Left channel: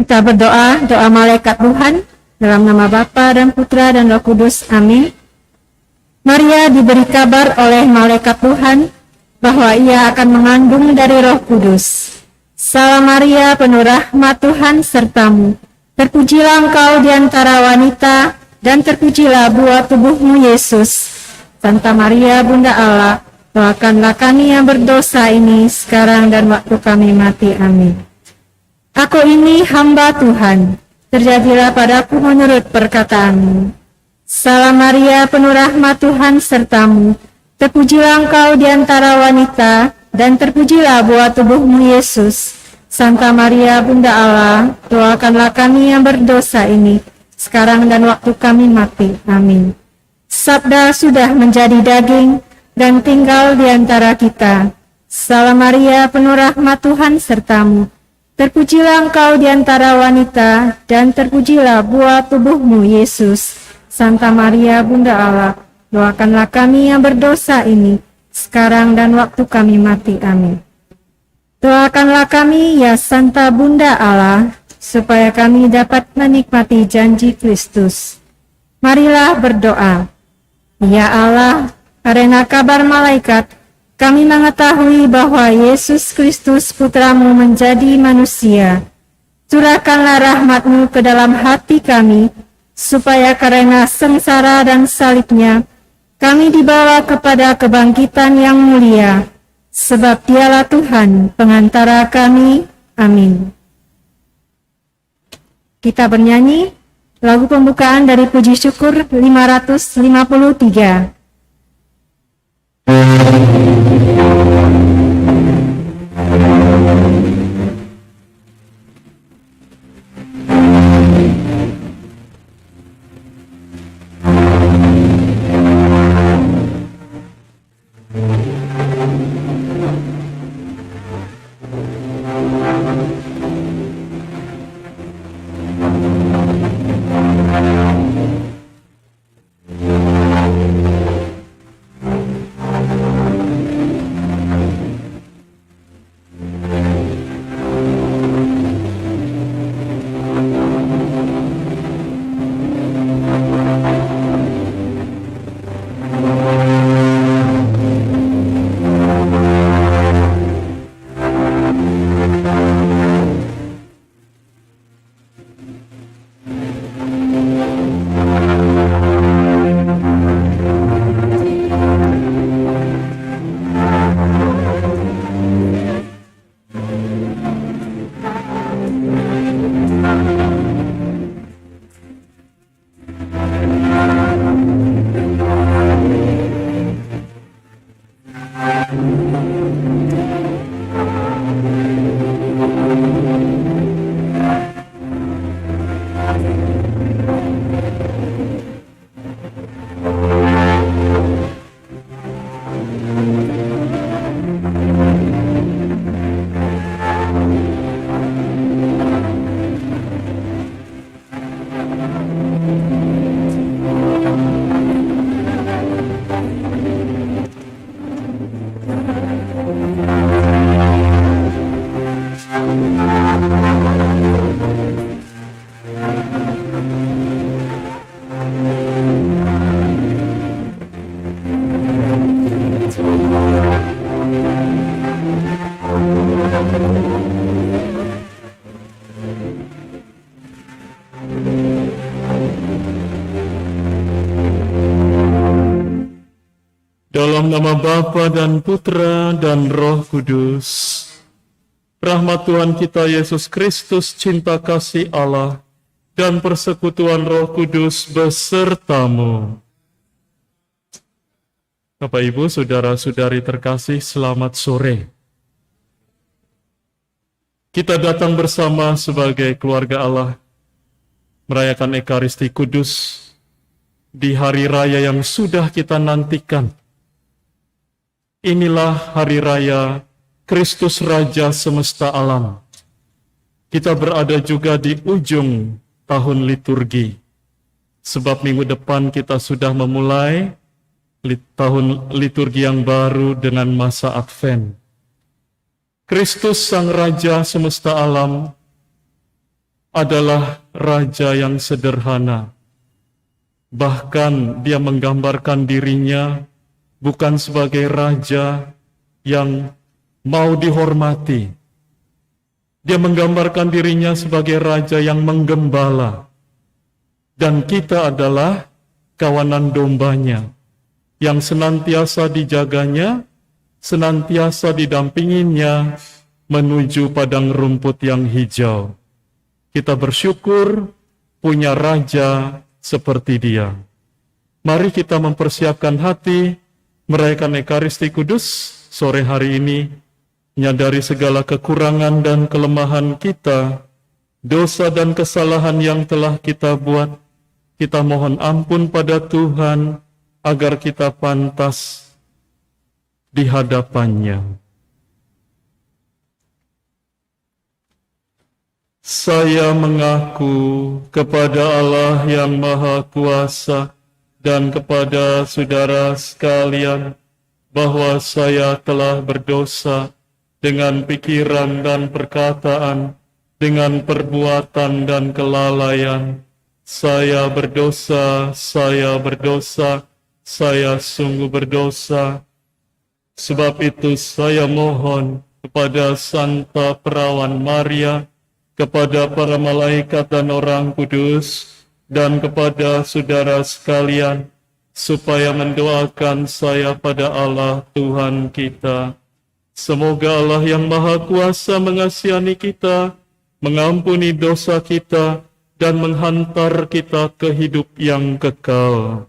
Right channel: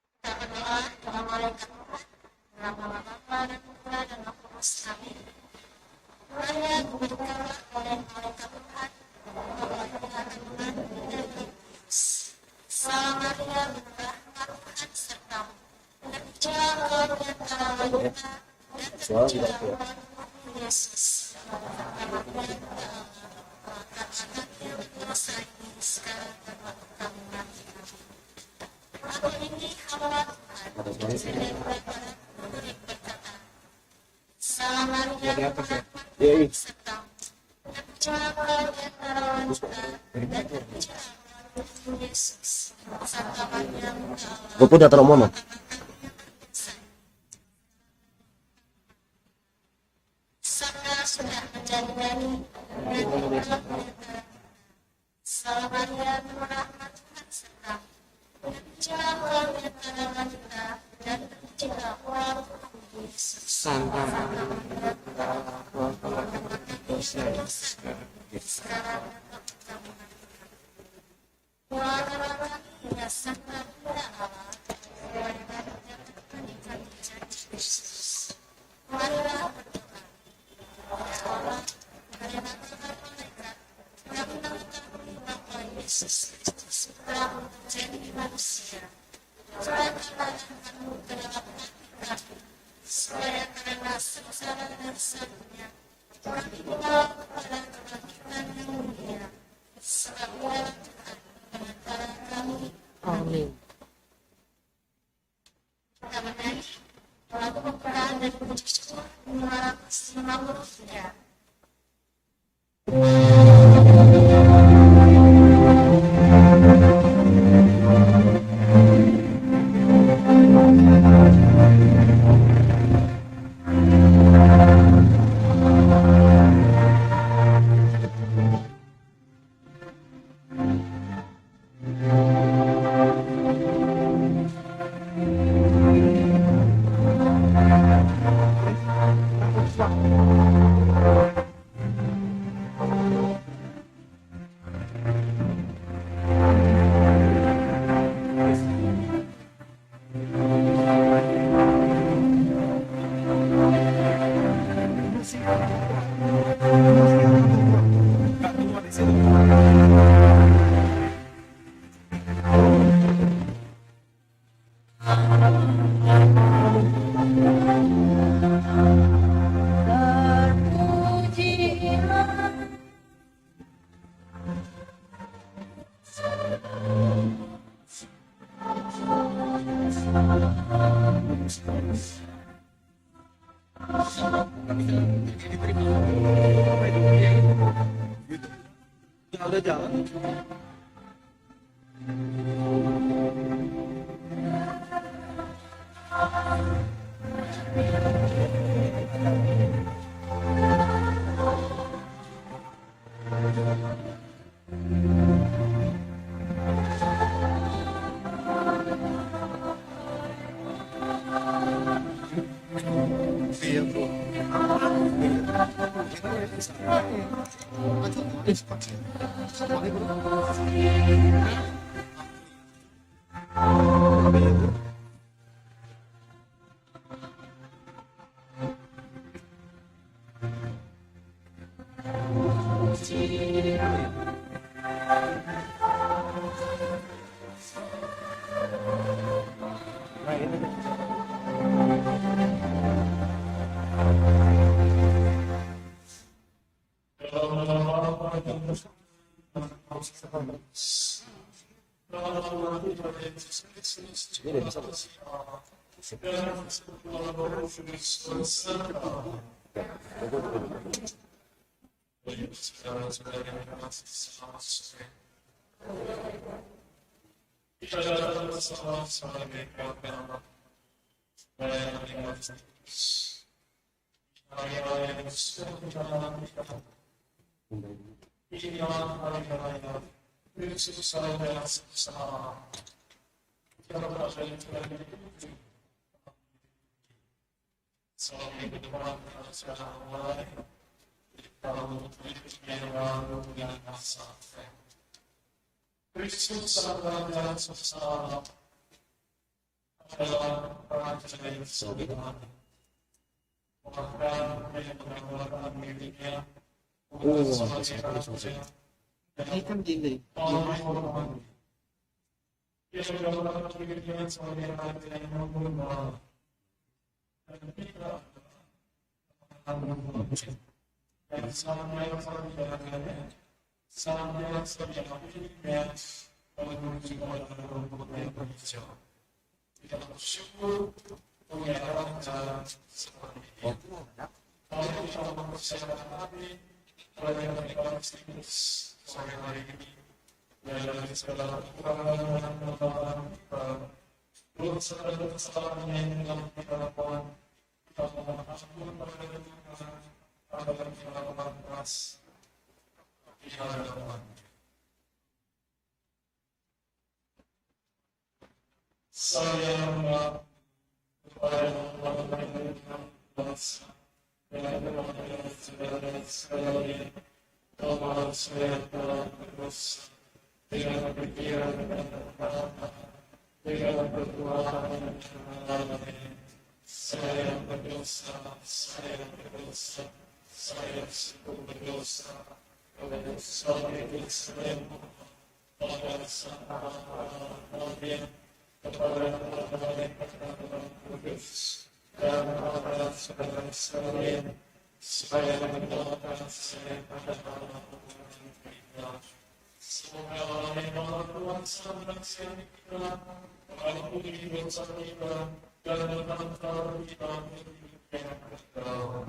Kita berdoa, doa malaikat Tuhan, dalam nama Bapa dan Putra dan Roh Kudus. Amin. Maria diberi kabar oleh malaikat Tuhan bahwa ia akan mengandung dari Roh Kudus. Salam Maria, penuh rahmat Tuhan sertamu. Terpujilah engkau di antara wanita, dan terpujilah buah tubuhmu Yesus. Santa Maria, Bunda Allah, doakanlah kami yang berdosa ini sekarang dan waktu kami mati. Amin. Aku ini hamba Tuhan, terjadilah padaku menurut perkataanmu. Salam Maria, penuh rahmat Tuhan sertamu. Terpujilah engkau di antara wanita, dan terpujilah buah tubuhmu Yesus. Santa Maria, Bunda Allah, doakanlah kami yang berdosa ini, sekarang dan waktu kami mati. Amin. Sabda sudah menjadi daging, dan tinggal di antara kita. Salam Maria, penuh rahmat Tuhan sertamu. Terpujilah engkau di antara wanita, dan terpujilah buah tubuhmu Yesus. Santa Maria, Bunda Allah, doakanlah kami yang berdosa ini, sekarang dan waktu kami mati. Amin. Doakanlah kami, ya Santa Bunda Allah, supaya kami dapat menikmati janji Kristus. Marilah berdoa. Ya Allah, karena kabar malaikat, kami mengetahui bahwa Yesus Kristus Putramu menjadi manusia. Curahkanlah rahmat-Mu ke dalam hati kami, supaya karena sengsara dan salibnya, kami dibawa kepada kebangkitan yang mulia. Sebab Dialah Tuhan, pengantara kami. Amin. Kita bernyanyi lagu pembukaan dari Puji Syukur 553. Dalam nama Bapa dan Putra dan Roh Kudus, rahmat Tuhan kita Yesus Kristus, cinta kasih Allah, dan persekutuan Roh Kudus besertamu. Bapak Ibu, saudara-saudari terkasih, selamat sore. Kita datang bersama sebagai keluarga Allah, merayakan Ekaristi Kudus di hari raya yang sudah kita nantikan. Inilah hari raya Kristus Raja semesta alam. Kita berada juga di ujung tahun liturgi. Sebab minggu depan kita sudah memulai tahun liturgi yang baru dengan masa Advent. Kristus Sang Raja semesta alam adalah raja yang sederhana. Bahkan dia menggambarkan dirinya bukan sebagai raja yang mau dihormati. Dia menggambarkan dirinya sebagai raja yang menggembala. Dan kita adalah kawanan dombanya yang senantiasa dijaganya, senantiasa didampinginya menuju padang rumput yang hijau. Kita bersyukur punya raja seperti dia. Mari kita mempersiapkan hati merayakan Ekaristi Kudus sore hari ini, menyadari segala kekurangan dan kelemahan kita, dosa dan kesalahan yang telah kita buat. Kita mohon ampun pada Tuhan agar kita pantas di hadapannya. Saya mengaku kepada Allah yang Maha Kuasa dan kepada saudara sekalian bahwa saya telah berdosa dengan pikiran dan perkataan, dengan perbuatan dan kelalaian. Saya berdosa, saya sungguh berdosa. Sebab itu saya mohon kepada Santa Perawan Maria, kepada para malaikat dan orang kudus, dan kepada saudara sekalian, supaya mendoakan saya pada Allah Tuhan kita. Semoga Allah yang Maha Kuasa mengasihani kita, mengampuni dosa kita, dan menghantar kita ke hidup yang kekal.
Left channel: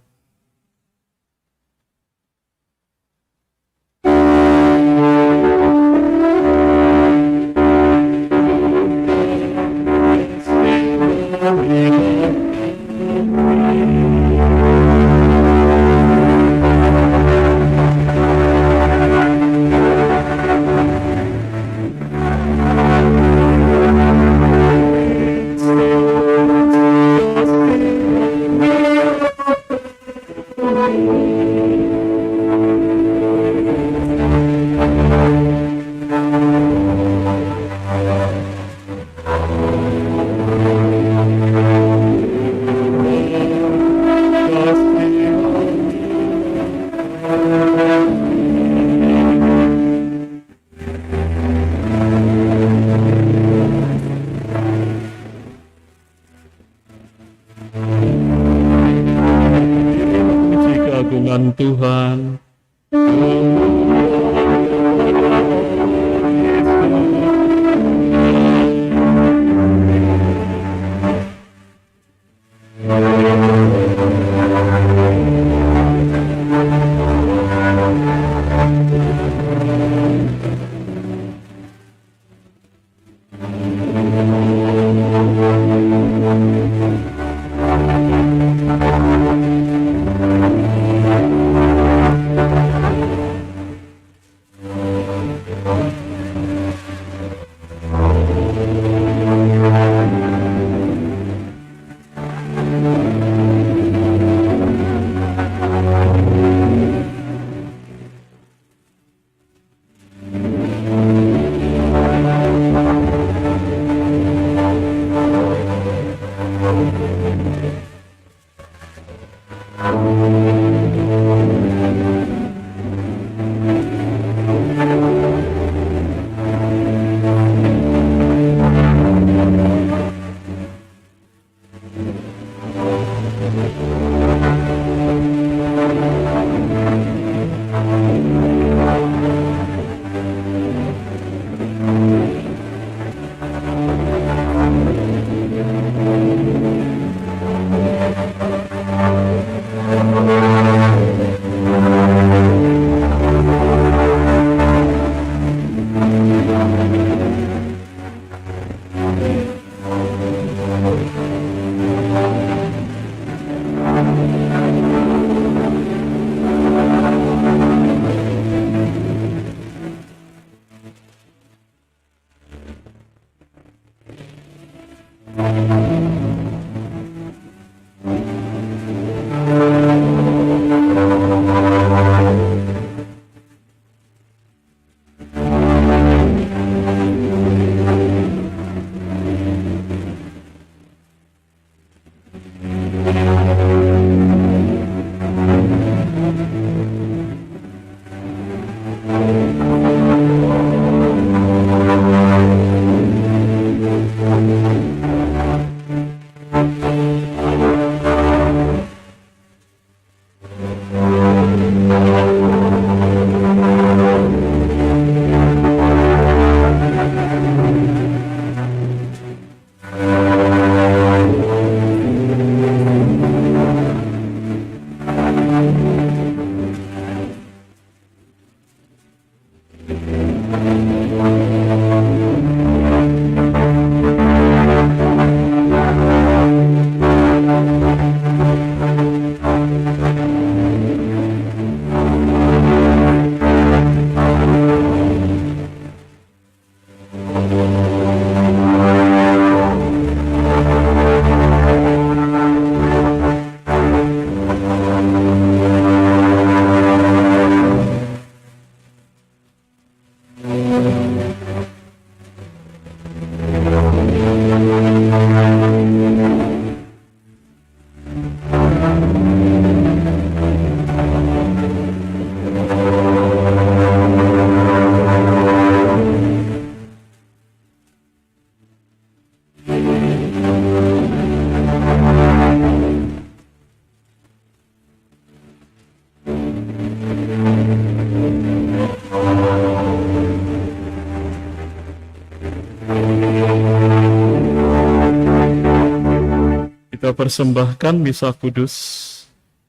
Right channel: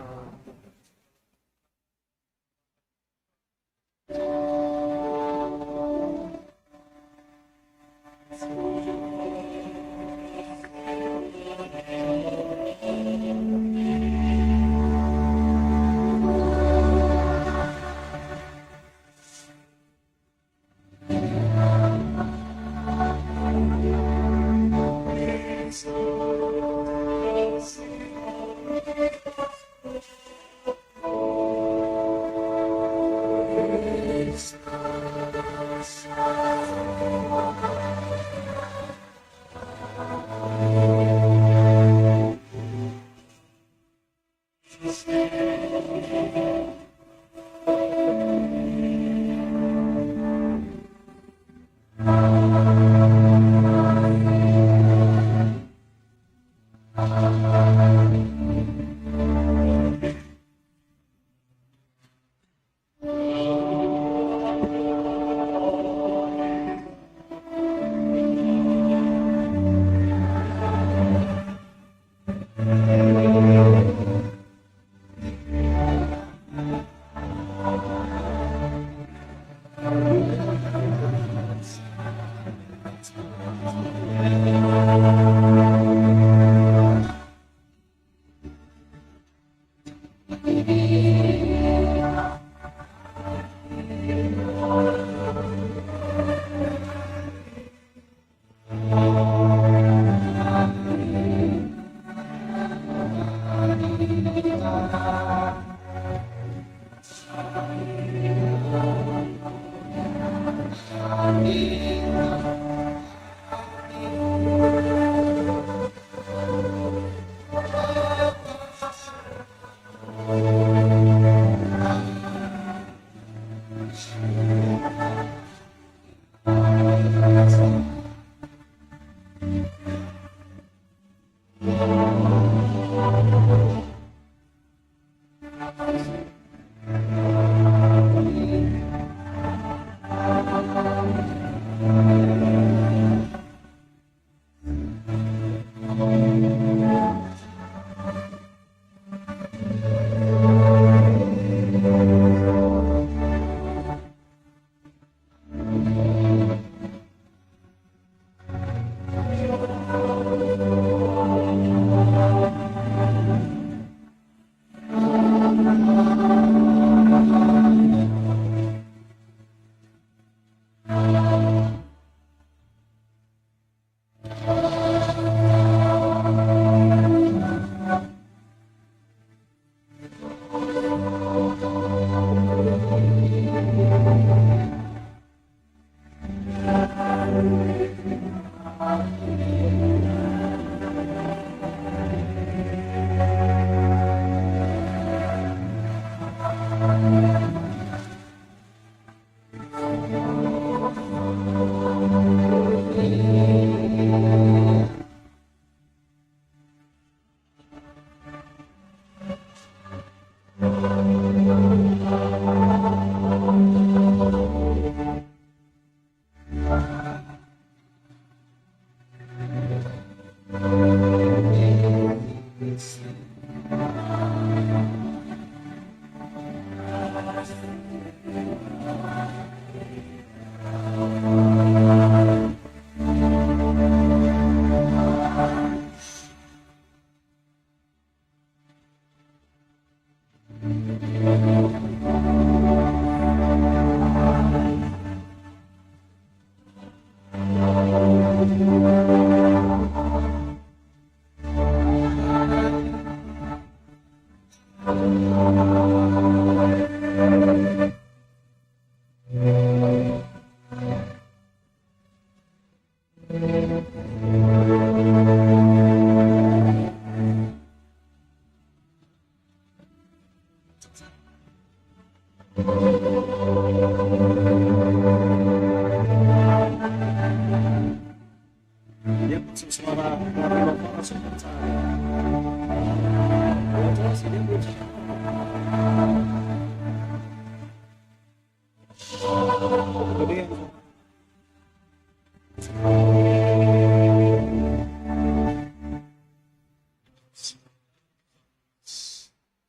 kita persembahkan misa kudus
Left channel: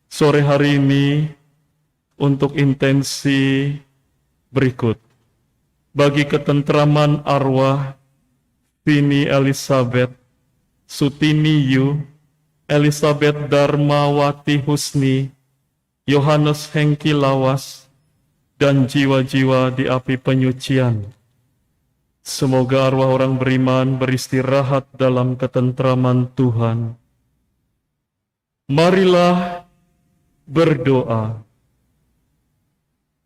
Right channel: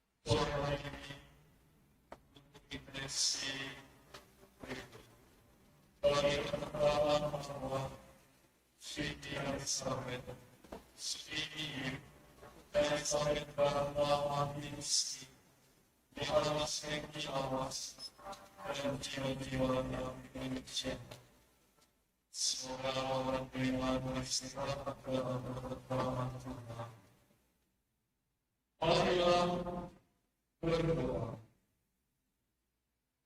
sore hari ini untuk intensi berikut. Bagi ketentraman arwah Vini Elizabeth, Sutini Yu, Elizabeth Darmawati Husni, Yohanes Hengki Lawas, dan jiwa-jiwa di api penyucian. Semoga arwah orang beriman beristirahat dalam ketentraman Tuhan. Marilah berdoa.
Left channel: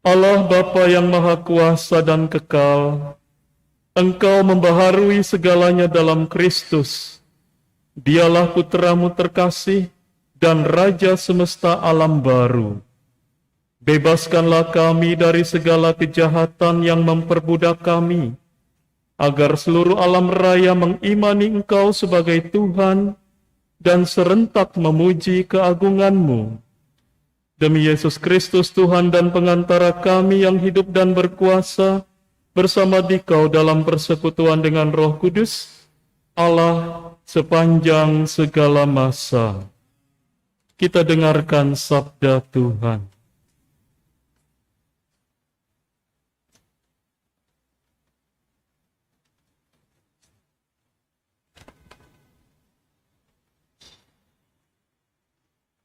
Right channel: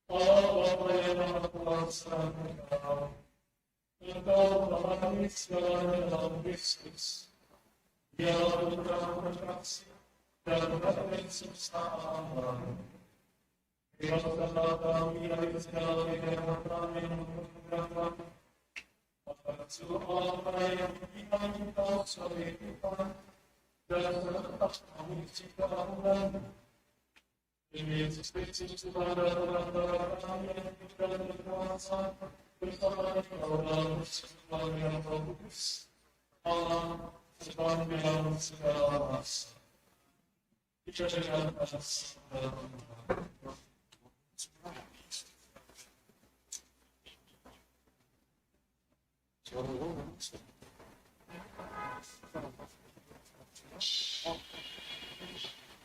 Allah Bapa yang Maha Kuasa dan Kekal, Engkau membaharui segalanya dalam Kristus. Dialah Putramu terkasih dan Raja semesta alam baru. Bebaskanlah kami dari segala kejahatan yang memperbudak kami, agar seluruh alam raya mengimani Engkau sebagai Tuhan dan serentak memuji keagungan-Mu. Demi Yesus Kristus Tuhan dan pengantara kami yang hidup dan berkuasa bersama Dikau dalam persekutuan dengan Roh Kudus, Allah sepanjang segala masa. Kita dengarkan sabda Tuhan.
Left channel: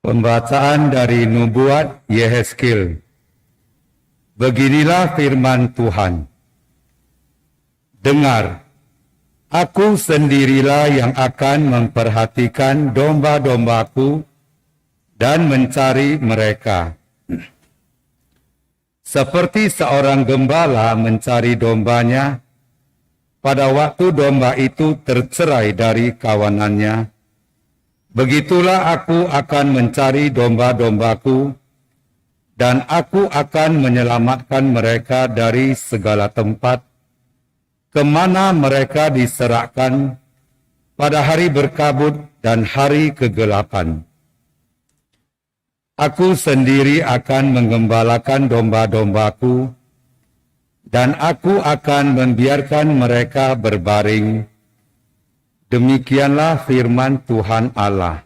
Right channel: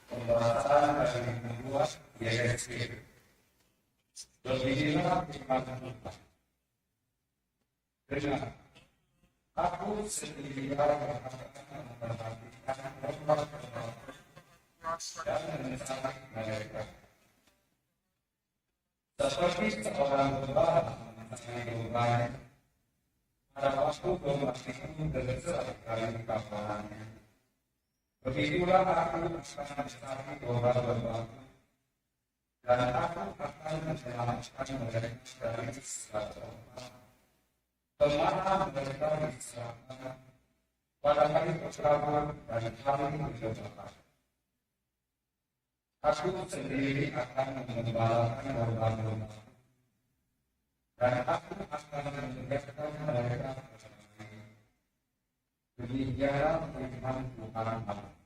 Pembacaan dari Nubuat Yehezkiel. Beginilah firman Tuhan. Dengar, aku sendirilah yang akan memperhatikan domba-dombaku dan mencari mereka. Seperti seorang gembala mencari dombanya, pada waktu domba itu tercerai dari kawanannya, begitulah aku akan mencari domba-dombaku, dan aku akan menyelamatkan mereka dari segala tempat, kemana mereka diserahkan pada hari berkabut dan hari kegelapan. Aku sendiri akan menggembalakan domba-dombaku, dan aku akan membiarkan mereka berbaring. Demikianlah firman Tuhan Allah.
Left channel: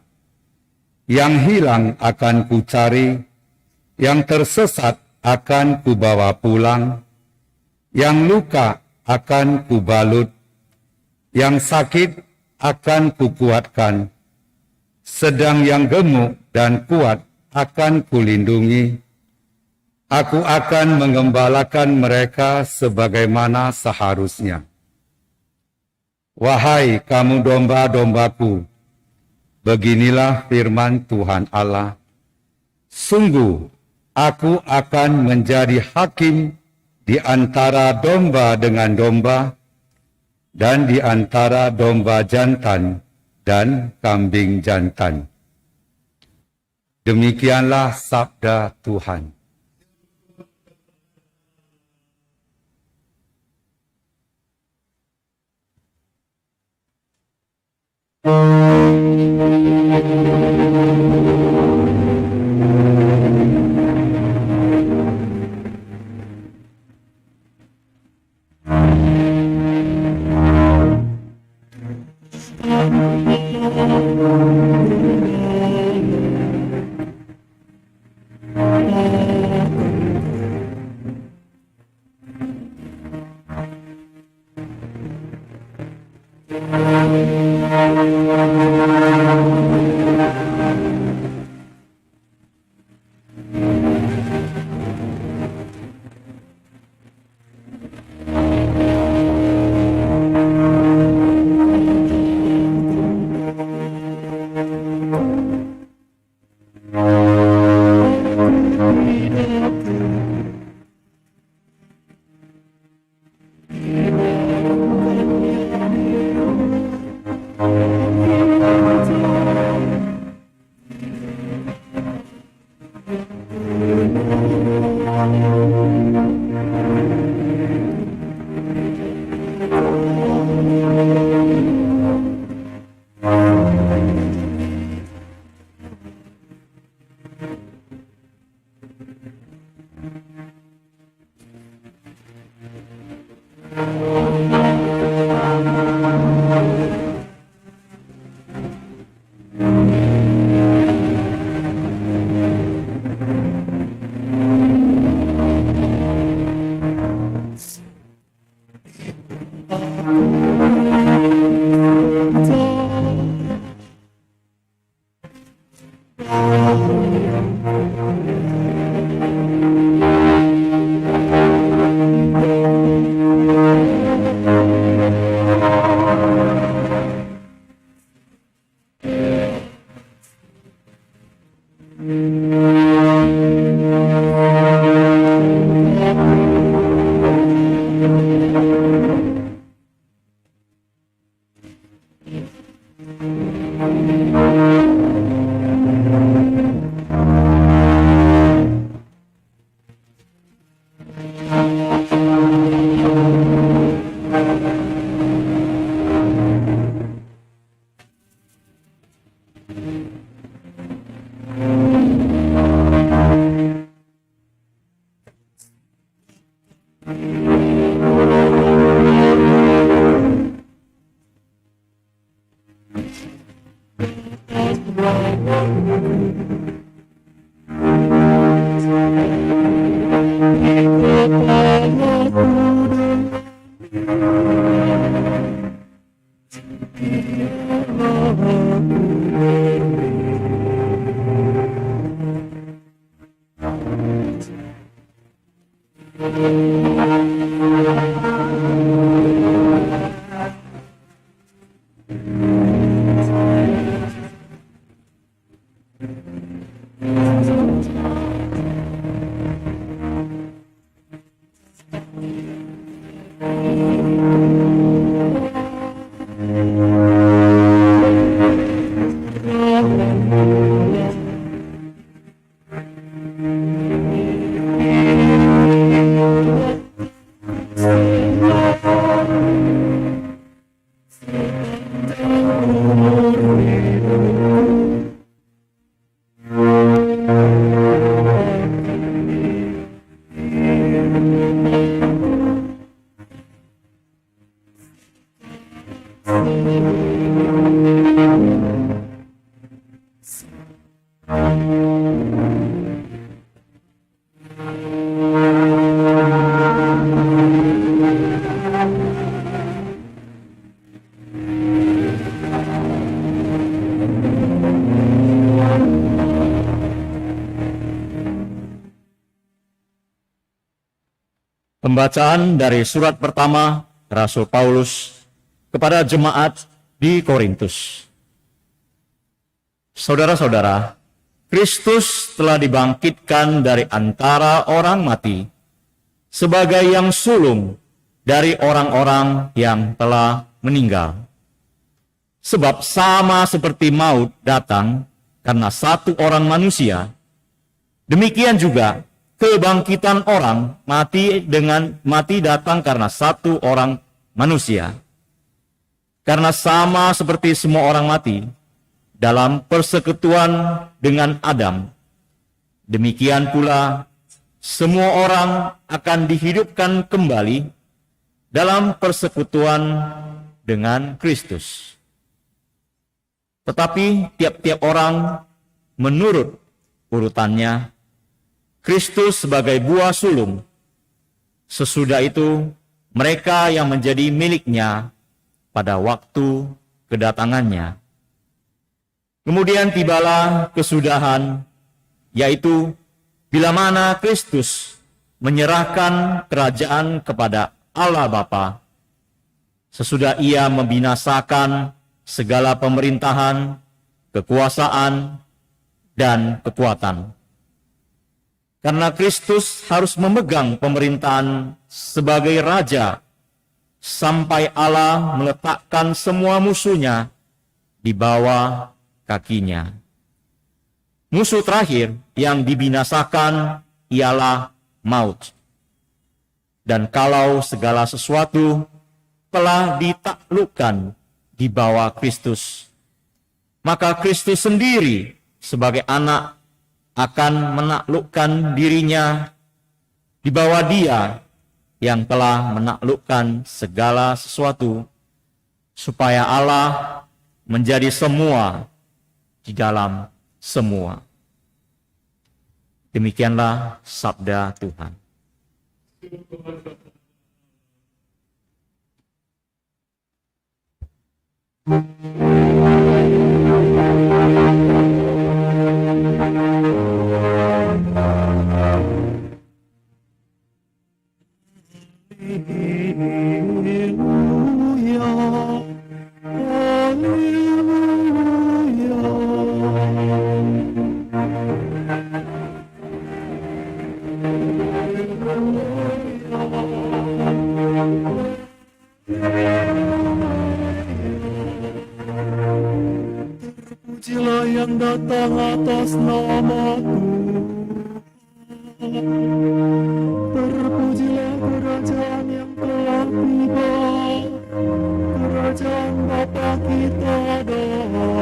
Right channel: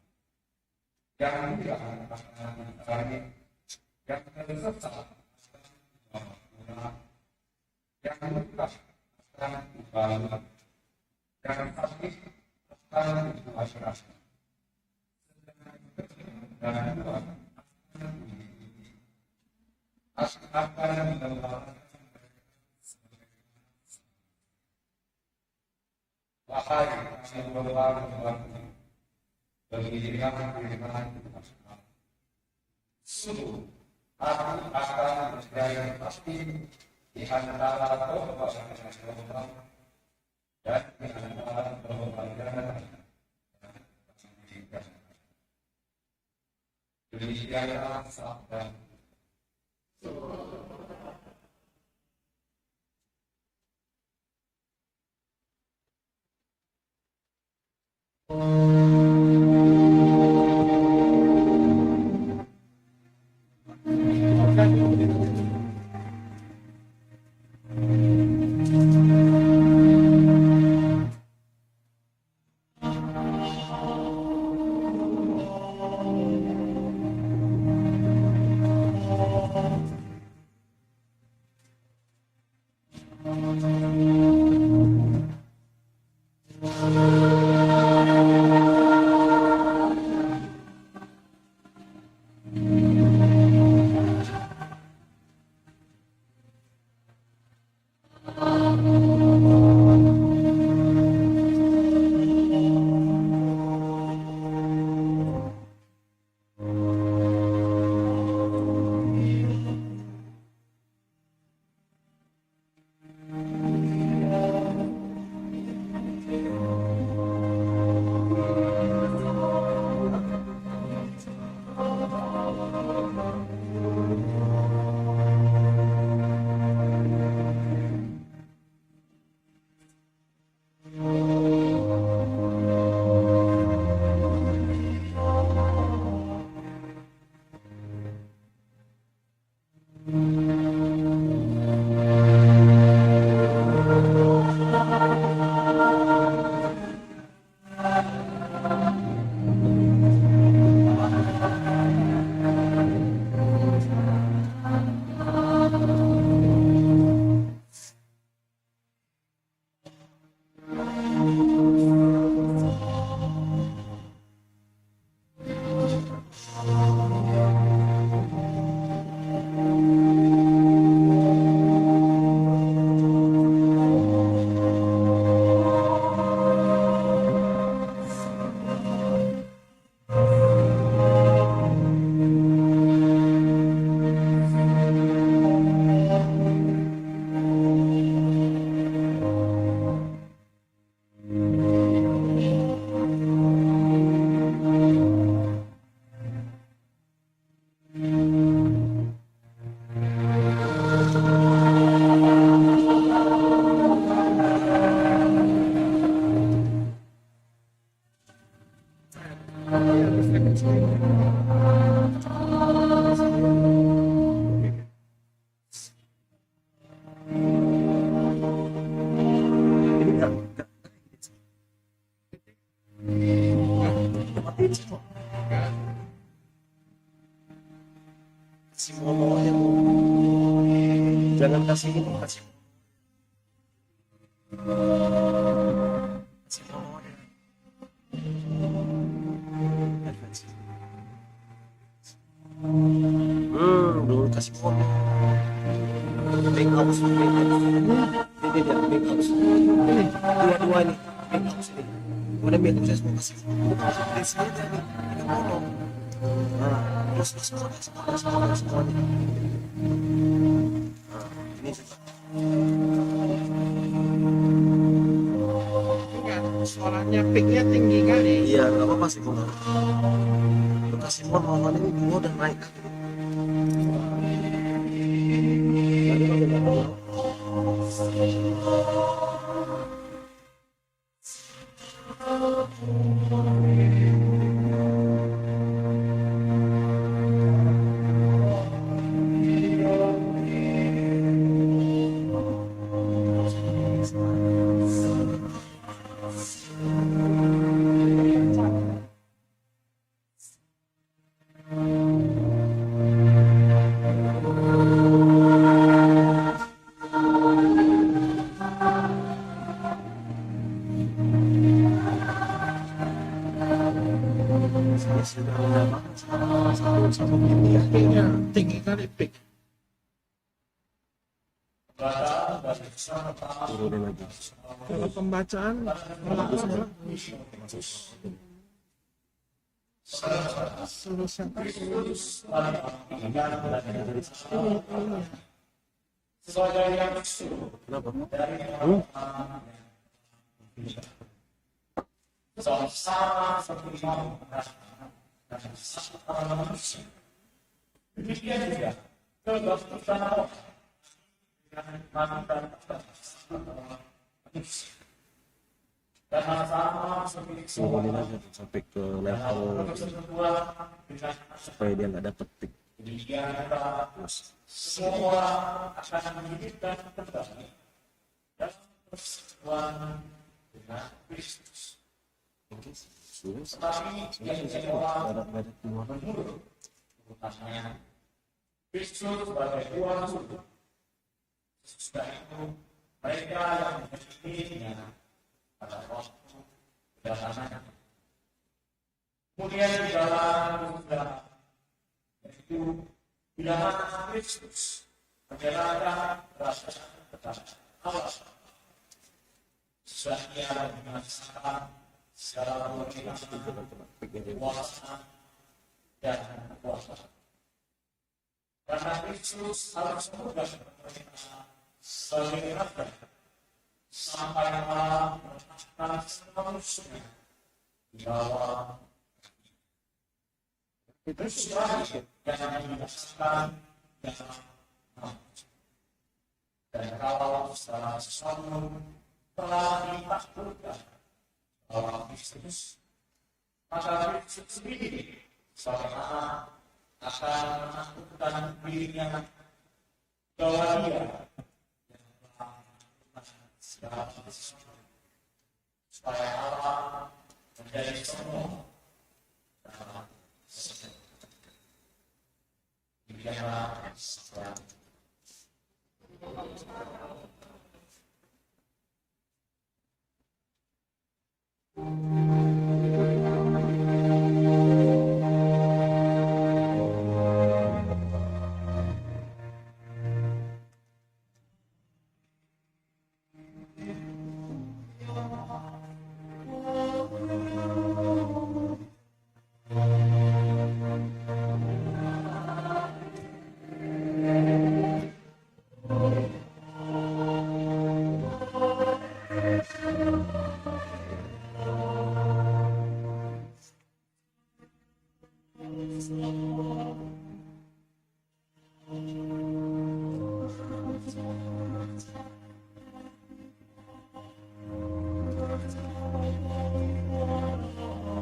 Yang hilang akan kucari, yang tersesat akan kubawa pulang, yang luka akan kubalut, yang sakit akan kukuatkan, sedang yang gemuk dan kuat akan kulindungi. Aku akan menggembalakan mereka sebagaimana seharusnya. Wahai kamu domba-dombaku, beginilah firman Tuhan Allah. Sungguh, aku akan menjadi hakim di antara domba dengan domba, dan di antara domba jantan dan kambing jantan. Demikianlah sabda Tuhan. Pembacaan dari surat pertama Rasul Paulus kepada jemaat di Korintus. Saudara-saudara, Kristus telah dibangkitkan dari antara orang mati sebagai yang sulung dari orang-orang yang telah meninggal. Sebab sama seperti maut datang karena satu orang manusia, demikian juga kebangkitan orang mati datang karena satu orang manusia. Karena sama seperti semua orang mati dalam persekutuan dengan Adam, demikian pula semua orang akan dihidupkan kembali dalam persekutuan dengan Kristus. Tetapi tiap-tiap orang menurut urutannya, Kristus sebagai buah sulung, sesudah itu mereka yang menjadi miliknya pada waktu kedatangannya. Kemudian tibalah kesudahan, yaitu bila mana Kristus menyerahkan kerajaan kepada Allah Bapa, sesudah ia membinasakan segala pemerintahan, kekuasaan, dan kekuatan. Karena Kristus harus memegang pemerintahan sebagai Raja, sampai Allah meletakkan semua musuhnya di bawah kakinya. Musuh terakhir yang dibinasakan ialah maut. Dan kalau segala sesuatu telah ditaklukkan di bawah Kristus, maka Kristus sendiri sebagai anak akan menaklukkan dirinya di bawah Dia yang telah menaklukkan segala sesuatu, supaya Allah menjadi semua di dalam semua. Demikianlah sabda Tuhan. Terpujilah yang datang atas nama Tuhan. Terpujilah kerajaan yang telah tiba, kerajaan Bapa kita dahulu.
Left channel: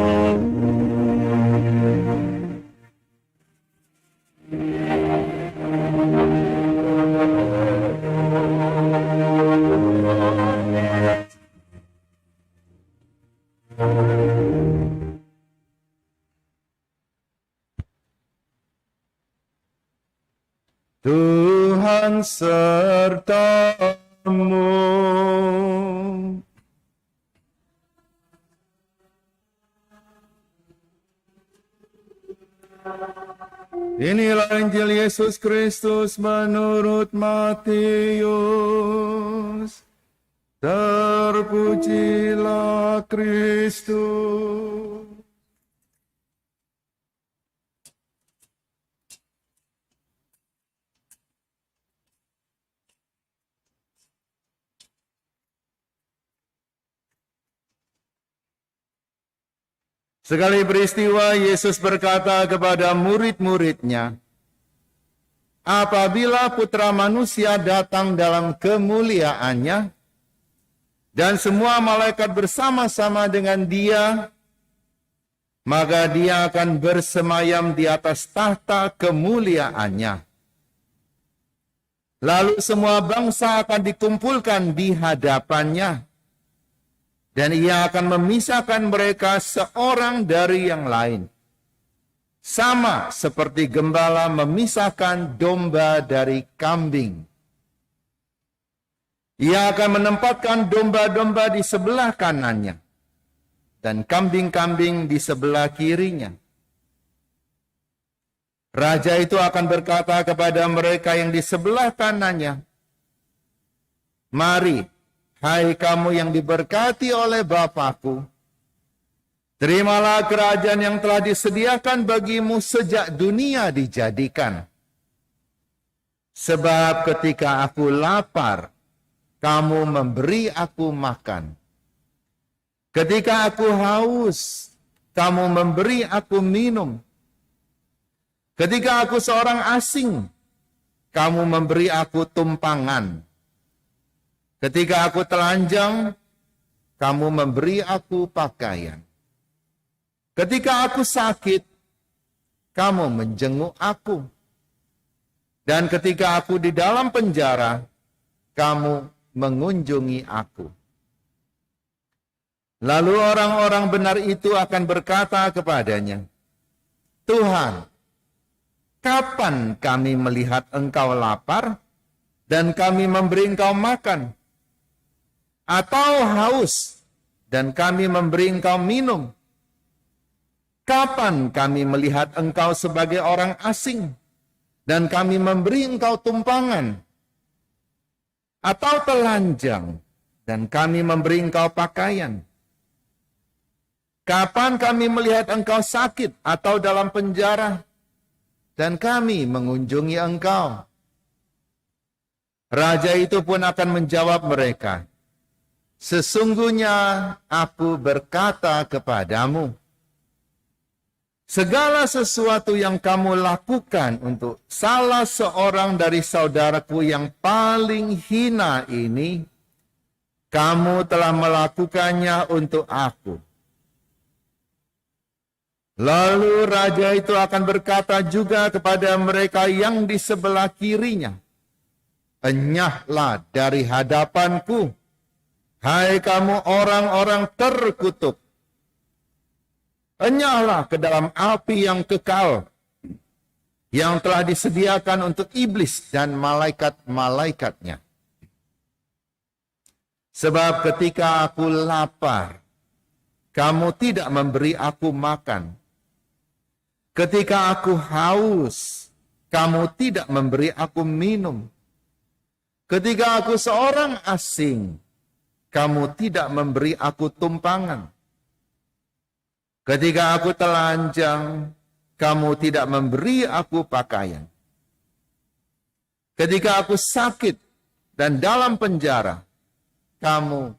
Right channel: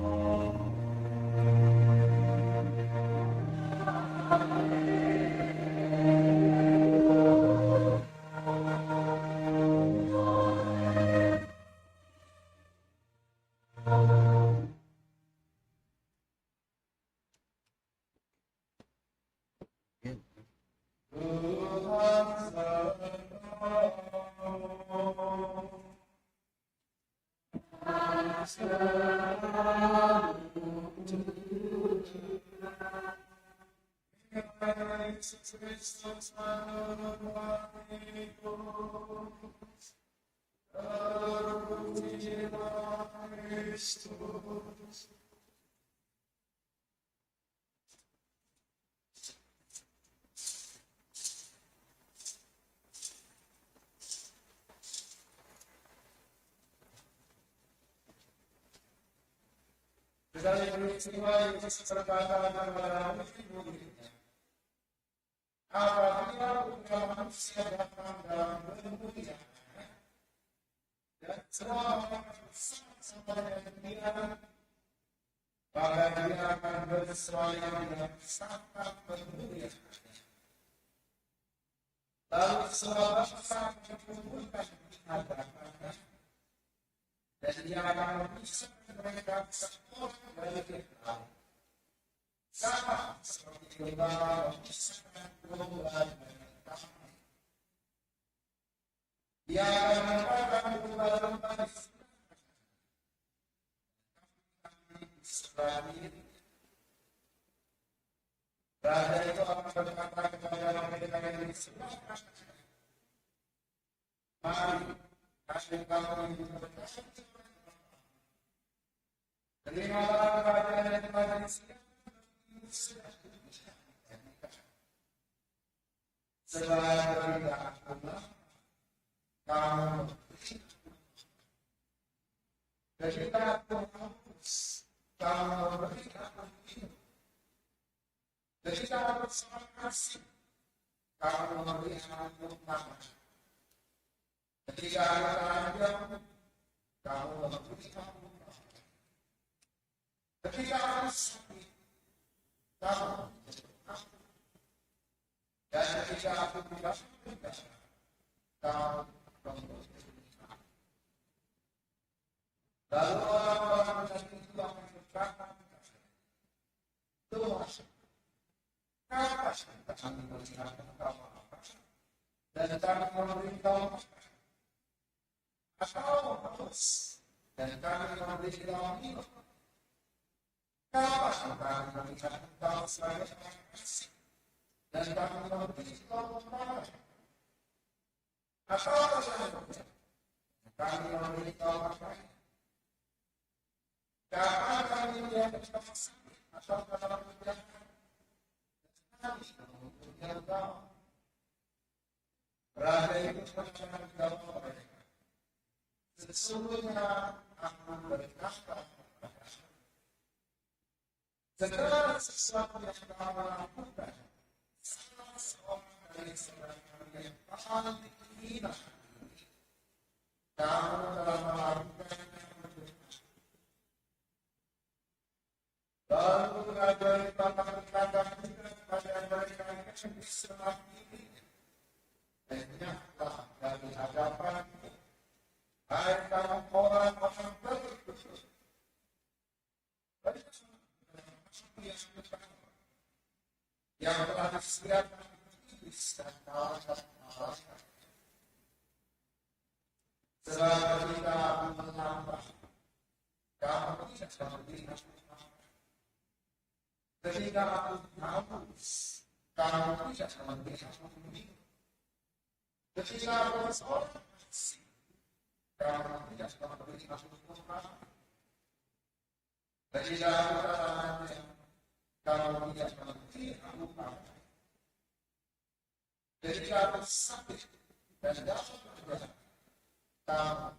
Tuhan sertamu. Inilah Injil Yesus Kristus menurut Matius. Terpujilah Kristus. Sekali peristiwa, Yesus berkata kepada murid-muridnya, apabila Putra Manusia datang dalam kemuliaannya, dan semua malaikat bersama-sama dengan dia, maka dia akan bersemayam di atas tahta kemuliaannya. Lalu semua bangsa akan dikumpulkan di hadapannya, dan ia akan memisahkan mereka seorang dari yang lain. Sama seperti gembala memisahkan domba dari kambing. Ia akan menempatkan domba-domba di sebelah kanannya, dan kambing-kambing di sebelah kirinya. Raja itu akan berkata kepada mereka yang di sebelah kanannya, mari, hai kamu yang diberkati oleh Bapa-Ku, terimalah kerajaan yang telah disediakan bagimu sejak dunia dijadikan. Sebab ketika aku lapar, kamu memberi aku makan. Ketika aku haus, kamu memberi aku minum. Ketika aku seorang asing, kamu memberi aku tumpangan. Ketika aku telanjang, kamu memberi aku pakaian. Ketika aku sakit, kamu menjenguk aku. Dan ketika aku di dalam penjara, kamu mengunjungi aku. Lalu orang-orang benar itu akan berkata kepadanya, Tuhan, kapan kami melihat engkau lapar, dan kami memberi engkau makan? Atau haus, dan kami memberi engkau minum? Kapan kami melihat engkau sebagai orang asing, dan kami memberi engkau tumpangan? Atau telanjang, dan kami memberi engkau pakaian? Kapan kami melihat engkau sakit atau dalam penjara, dan kami mengunjungi engkau? Raja itu pun akan menjawab mereka, sesungguhnya aku berkata kepadamu, segala sesuatu yang kamu lakukan untuk salah seorang dari saudaraku yang paling hina ini, kamu telah melakukannya untuk aku. Lalu raja itu akan berkata juga kepada mereka yang di sebelah kirinya, enyahlah dari hadapanku, hai kamu orang-orang terkutuk. Enyahlah ke dalam api yang kekal, yang telah disediakan untuk iblis dan malaikat-malaikatnya. Sebab ketika aku lapar, kamu tidak memberi aku makan. Ketika aku haus, kamu tidak memberi aku minum. Ketika aku seorang asing, kamu tidak memberi aku tumpangan. Ketika aku telanjang, kamu tidak memberi aku pakaian. Ketika aku sakit dan dalam penjara, kamu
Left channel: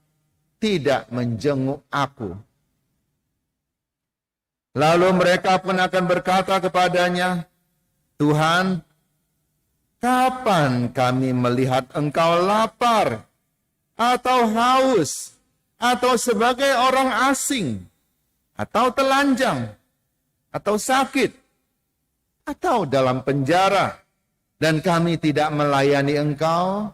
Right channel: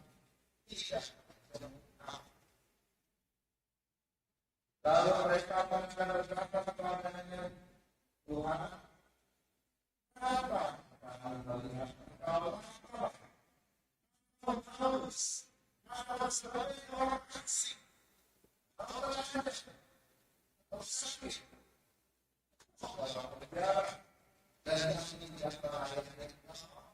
tidak menjenguk aku. Lalu mereka pun akan berkata kepadanya, Tuhan, kapan kami melihat engkau lapar, atau haus, atau sebagai orang asing, atau telanjang, atau sakit, atau dalam penjara, dan kami tidak melayani engkau?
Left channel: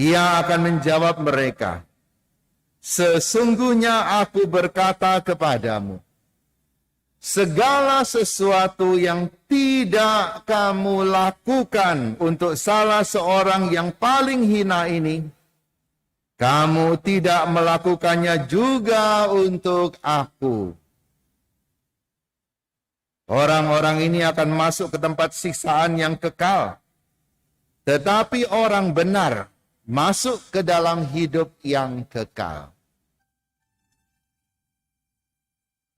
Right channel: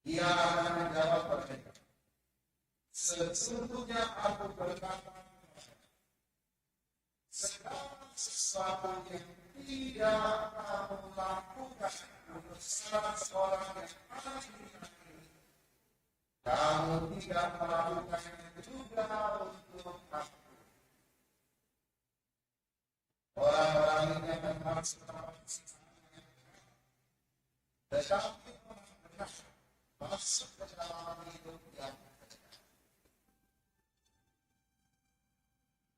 Ia akan menjawab mereka, sesungguhnya aku berkata kepadamu, segala sesuatu yang tidak kamu lakukan untuk salah seorang yang paling hina ini, kamu tidak melakukannya juga untuk aku. Orang-orang ini akan masuk ke tempat siksaan yang kekal, tetapi orang benar masuk ke dalam hidup yang kekal.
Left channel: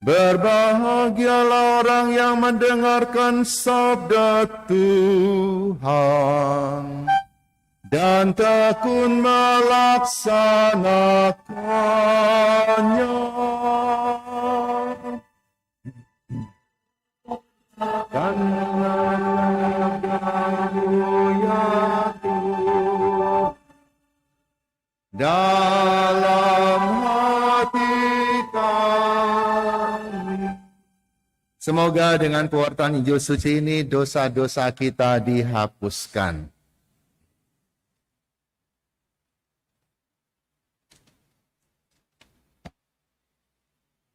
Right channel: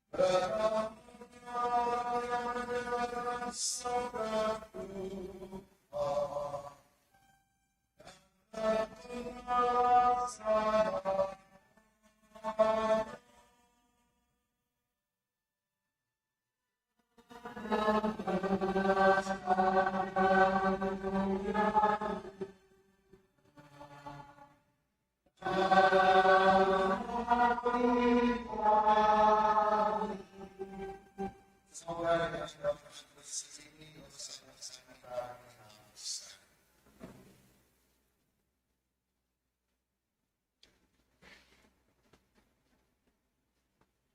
Berbahagialah orang yang mendengarkan sabda Tuhan dan tekun melaksanakannya. Dan dalam hati kami. Semoga dengan pewartaan Injil suci ini dosa-dosa kita dihapuskan.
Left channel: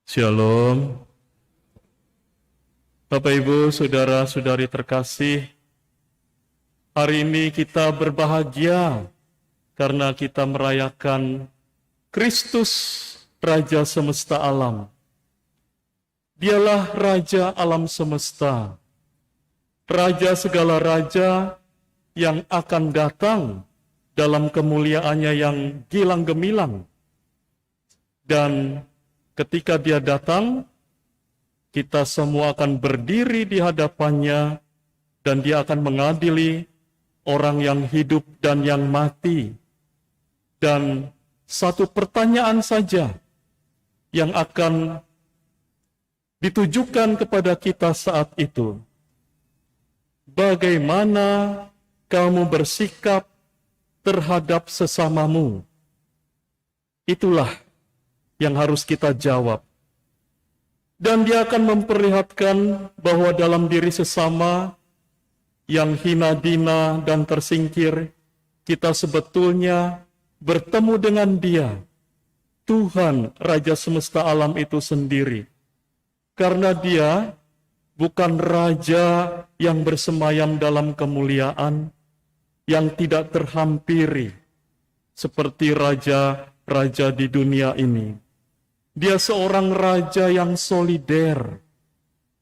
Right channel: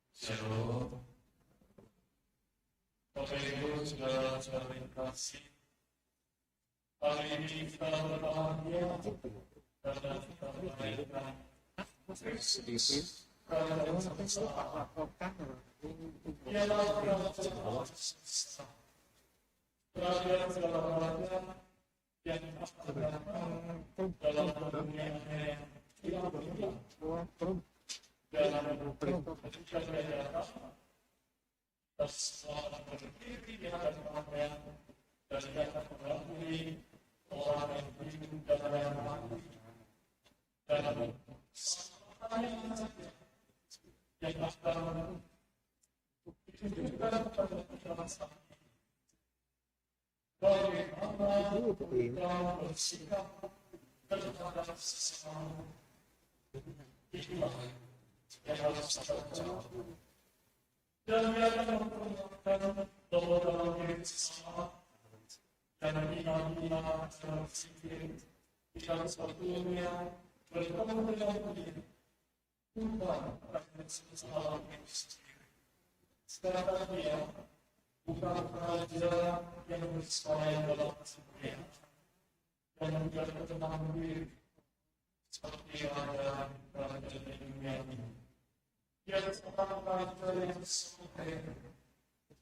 Shalom. Bapak Ibu, saudara-saudari terkasih, hari ini kita berbahagia karena kita merayakan Kristus, Raja semesta alam. Dialah Raja alam semesta, Raja segala raja yang akan datang dalam kemuliaannya yang gilang gemilang. Dan ketika dia datang, kita semua akan berdiri di hadapannya dan dia akan mengadili orang yang hidup dan yang mati. Dan satu pertanyaan saja yang akan ditujukan kepada kita saat itu. Bagaimana kamu bersikap terhadap sesamamu? Itulah yang harus kita jawab. Dan dia akan memperlihatkan bahwa dalam diri sesama yang hina dina dan tersingkir, kita sebetulnya bertemu dengan dia, Tuhan Raja semesta alam itu sendiri. Karena dia bukan raja yang bersemayam dalam kemuliaan, yang tidak terhampiri, seperti raja-raja di dunia ini. Dia seorang raja yang solider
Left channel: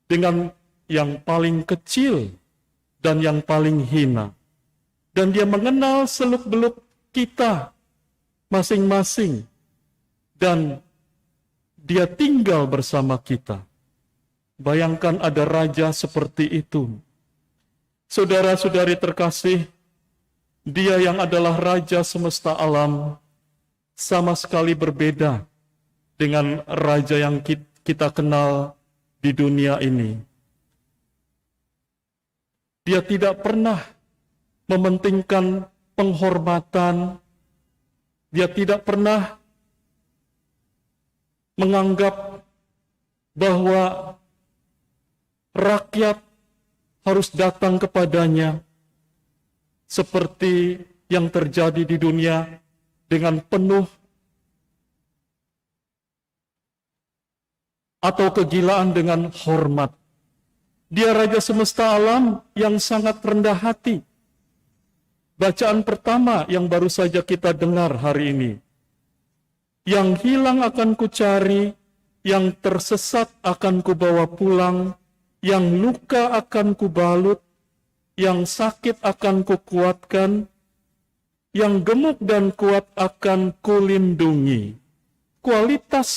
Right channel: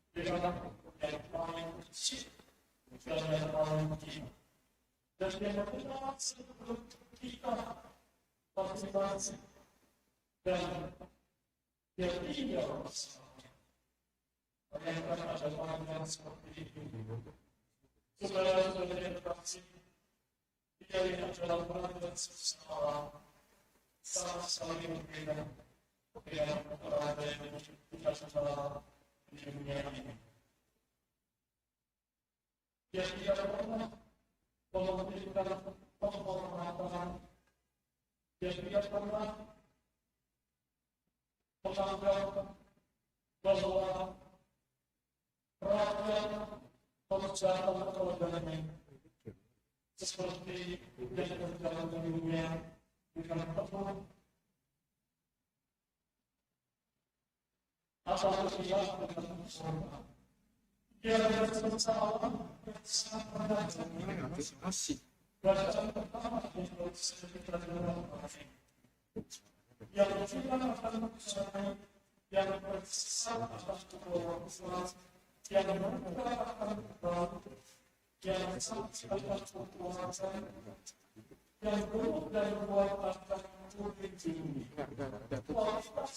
dengan yang paling kecil dan yang paling hina. Dan dia mengenal seluk-beluk kita masing-masing. Dan dia tinggal bersama kita. Bayangkan ada raja seperti itu. Saudara-saudari terkasih, dia yang adalah Raja semesta alam sama sekali berbeda dengan raja yang kita kenal di dunia ini. Dia tidak pernah mementingkan penghormatan. Dia tidak pernah menganggap bahwa rakyat harus datang kepadanya seperti yang terjadi di dunia dengan penuh atau kegilaan dengan hormat. Dia Raja semesta alam yang sangat rendah hati. Bacaan pertama yang baru saja kita dengar hari ini. Yang hilang akan kucari, yang tersesat akan kubawa pulang, yang luka akan kubalut, yang sakit akan kukuatkan, yang gemuk dan kuat akan kulindungi. Kualitas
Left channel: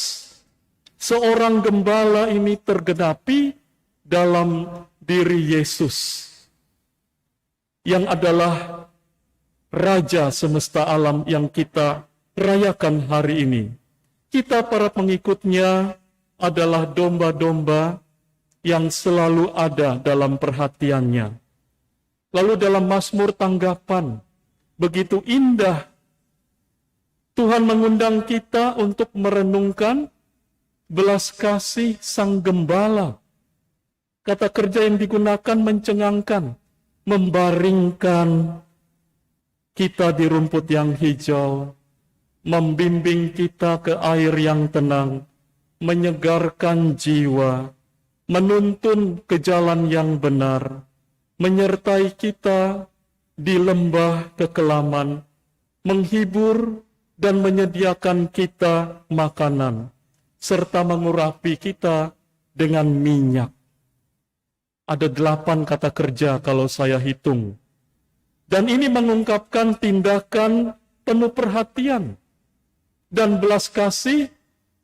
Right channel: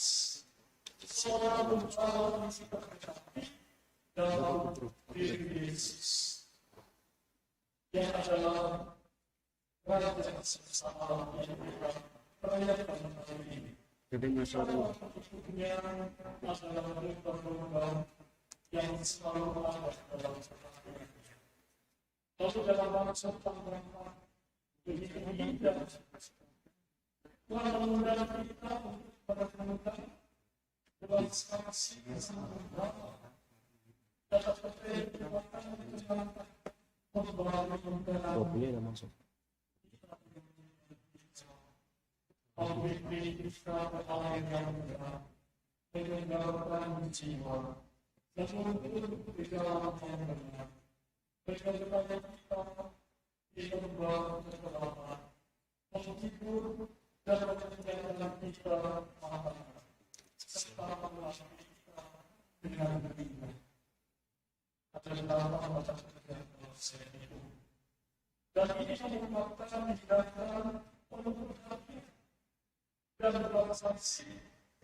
seorang gembala ini tergenapi dalam diri Yesus yang adalah Raja semesta alam yang kita rayakan hari ini. Kita para pengikutnya adalah domba-domba yang selalu ada dalam perhatiannya. Lalu dalam Mazmur tanggapan, begitu indah Tuhan mengundang kita untuk merenungkan belas kasih Sang Gembala. Kata kerja yang digunakan mencengangkan, membaringkan kita di rumput yang hijau, membimbing kita ke air yang tenang, menyegarkan jiwa, menuntun ke jalan yang benar, menyertai kita di lembah kekelaman, menghibur dan menyediakan kita makanan, serta mengurapi kita dengan minyak. Ada 8 kata kerja kalau saya hitung. Dan ini mengungkapkan tindakan penuh perhatian dan belas kasih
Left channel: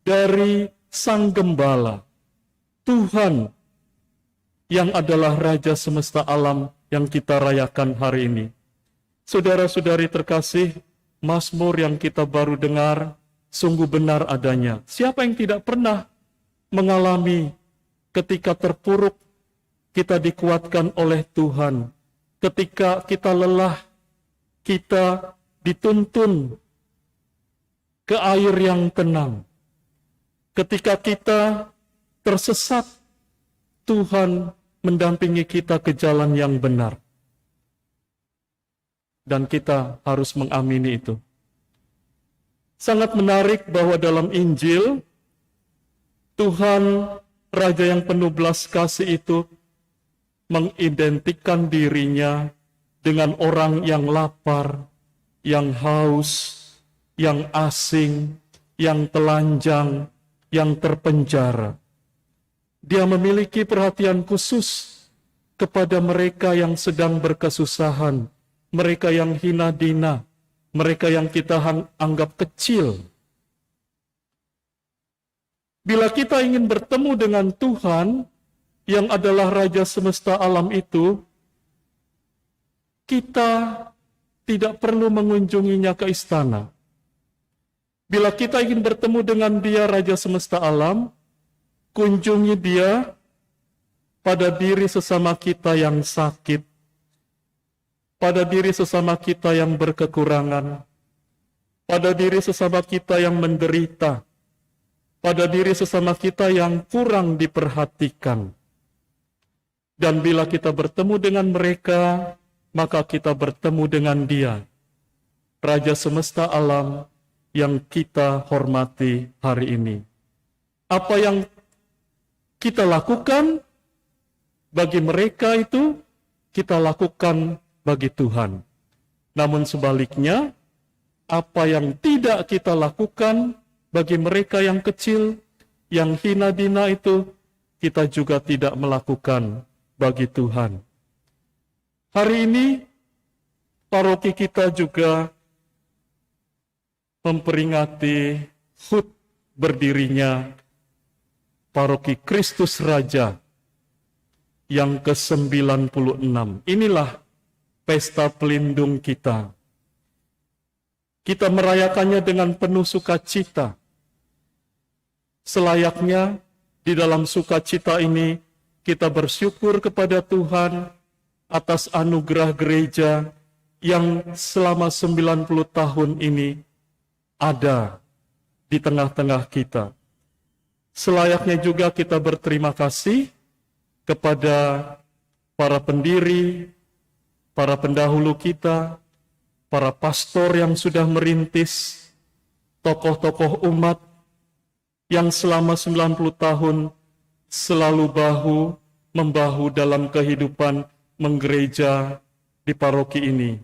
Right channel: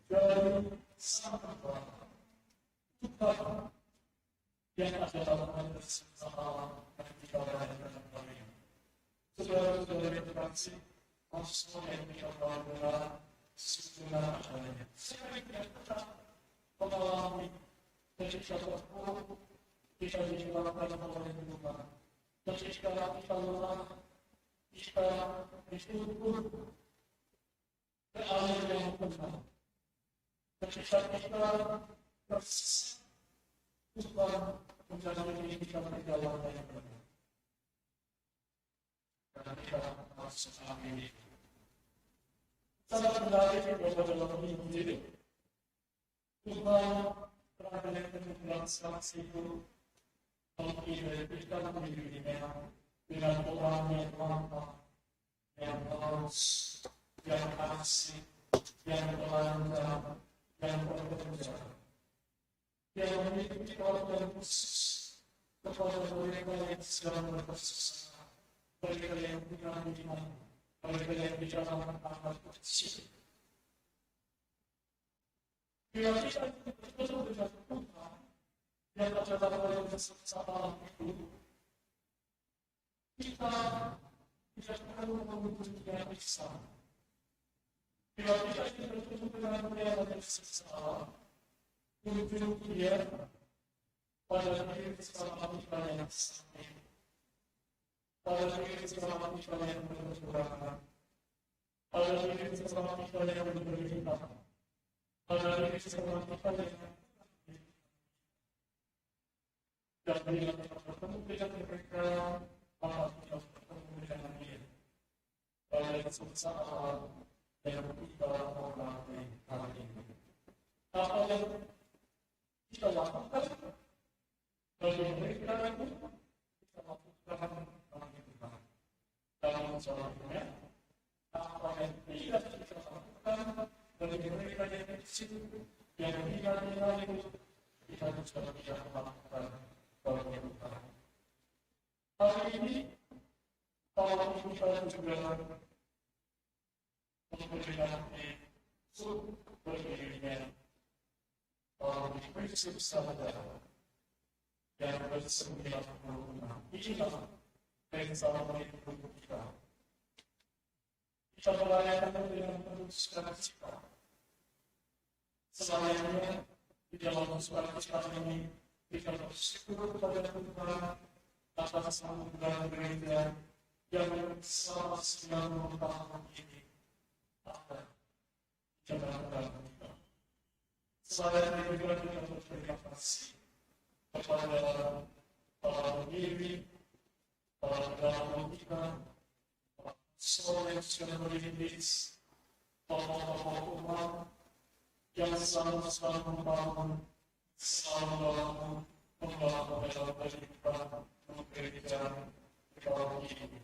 dari Sang Gembala, Tuhan yang adalah Raja semesta alam yang kita rayakan hari ini. Saudara-saudari terkasih, Mazmur yang kita baru dengar sungguh benar adanya. Siapa yang tidak pernah mengalami ketika terpuruk kita dikuatkan oleh Tuhan, ketika kita lelah kita dituntun ke air yang tenang, ketika kita tersesat Tuhan mendampingi kita ke jalan yang benar. Dan kita harus mengamini itu. Sangat menarik bahwa dalam Injil, Tuhan Raja yang penuh belas kasih itu mengidentikan dirinya dengan orang yang lapar, yang haus, yang asing, yang telanjang, yang terpenjara. Dia memiliki perhatian khusus kepada mereka yang sedang berkesusahan, mereka yang hina dina, mereka yang kita anggap kecil. Bila kita ingin bertemu dengan Tuhan yang adalah Raja semesta alam itu, kita tidak perlu mengunjunginya ke istana. Bila kita ingin bertemu dengan Dia Raja semesta alam, kunjungi Dia pada diri sesama kita yang sakit, pada diri sesama kita yang berkekurangan, pada diri sesama kita yang menderita, pada diri sesama kita yang kurang diperhatikan. Dan bila kita bertemu dengan mereka, maka kita bertemu dengan Dia, Raja semesta alam yang kita hormati hari ini. Apa yang kita lakukan bagi mereka itu, kita lakukan bagi Tuhan. Namun sebaliknya, apa yang tidak kita lakukan bagi mereka yang kecil, yang hina dina itu, kita juga tidak melakukan bagi Tuhan. Hari ini, paroki kita juga memperingati HUT berdirinya Paroki Kristus Raja yang ke-96. Inilah pesta pelindung kita. Kita merayakannya dengan penuh sukacita. Selayaknya di dalam sukacita ini kita bersyukur kepada Tuhan atas anugerah gereja yang selama 90 tahun ini ada di tengah-tengah kita. Selayaknya juga kita berterima kasih kepada para pendiri, para pendahulu kita, para pastor yang sudah merintis, tokoh-tokoh umat yang selama 90 tahun selalu bahu-membahu dalam kehidupan menggereja di paroki ini.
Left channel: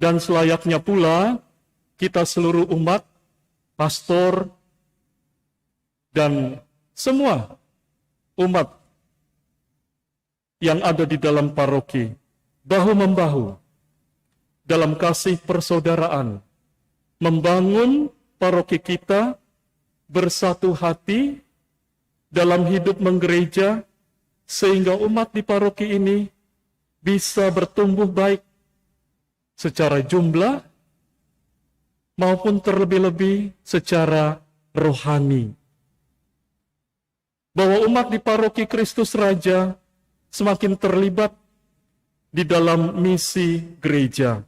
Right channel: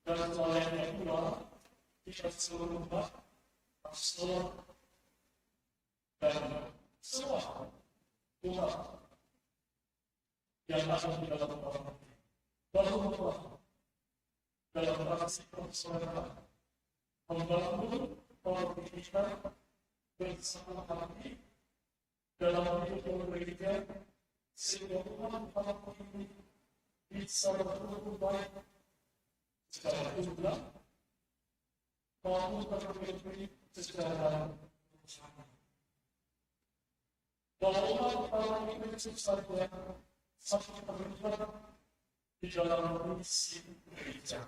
Dan selayaknya pula kita seluruh umat, pastor, dan semua umat yang ada di dalam paroki, bahu-membahu dalam kasih persaudaraan, membangun paroki kita bersatu hati dalam hidup menggereja, sehingga umat di paroki ini bisa bertumbuh baik secara jumlah maupun terlebih-lebih secara rohani. Bahwa umat di paroki Kristus Raja semakin terlibat di dalam misi gereja,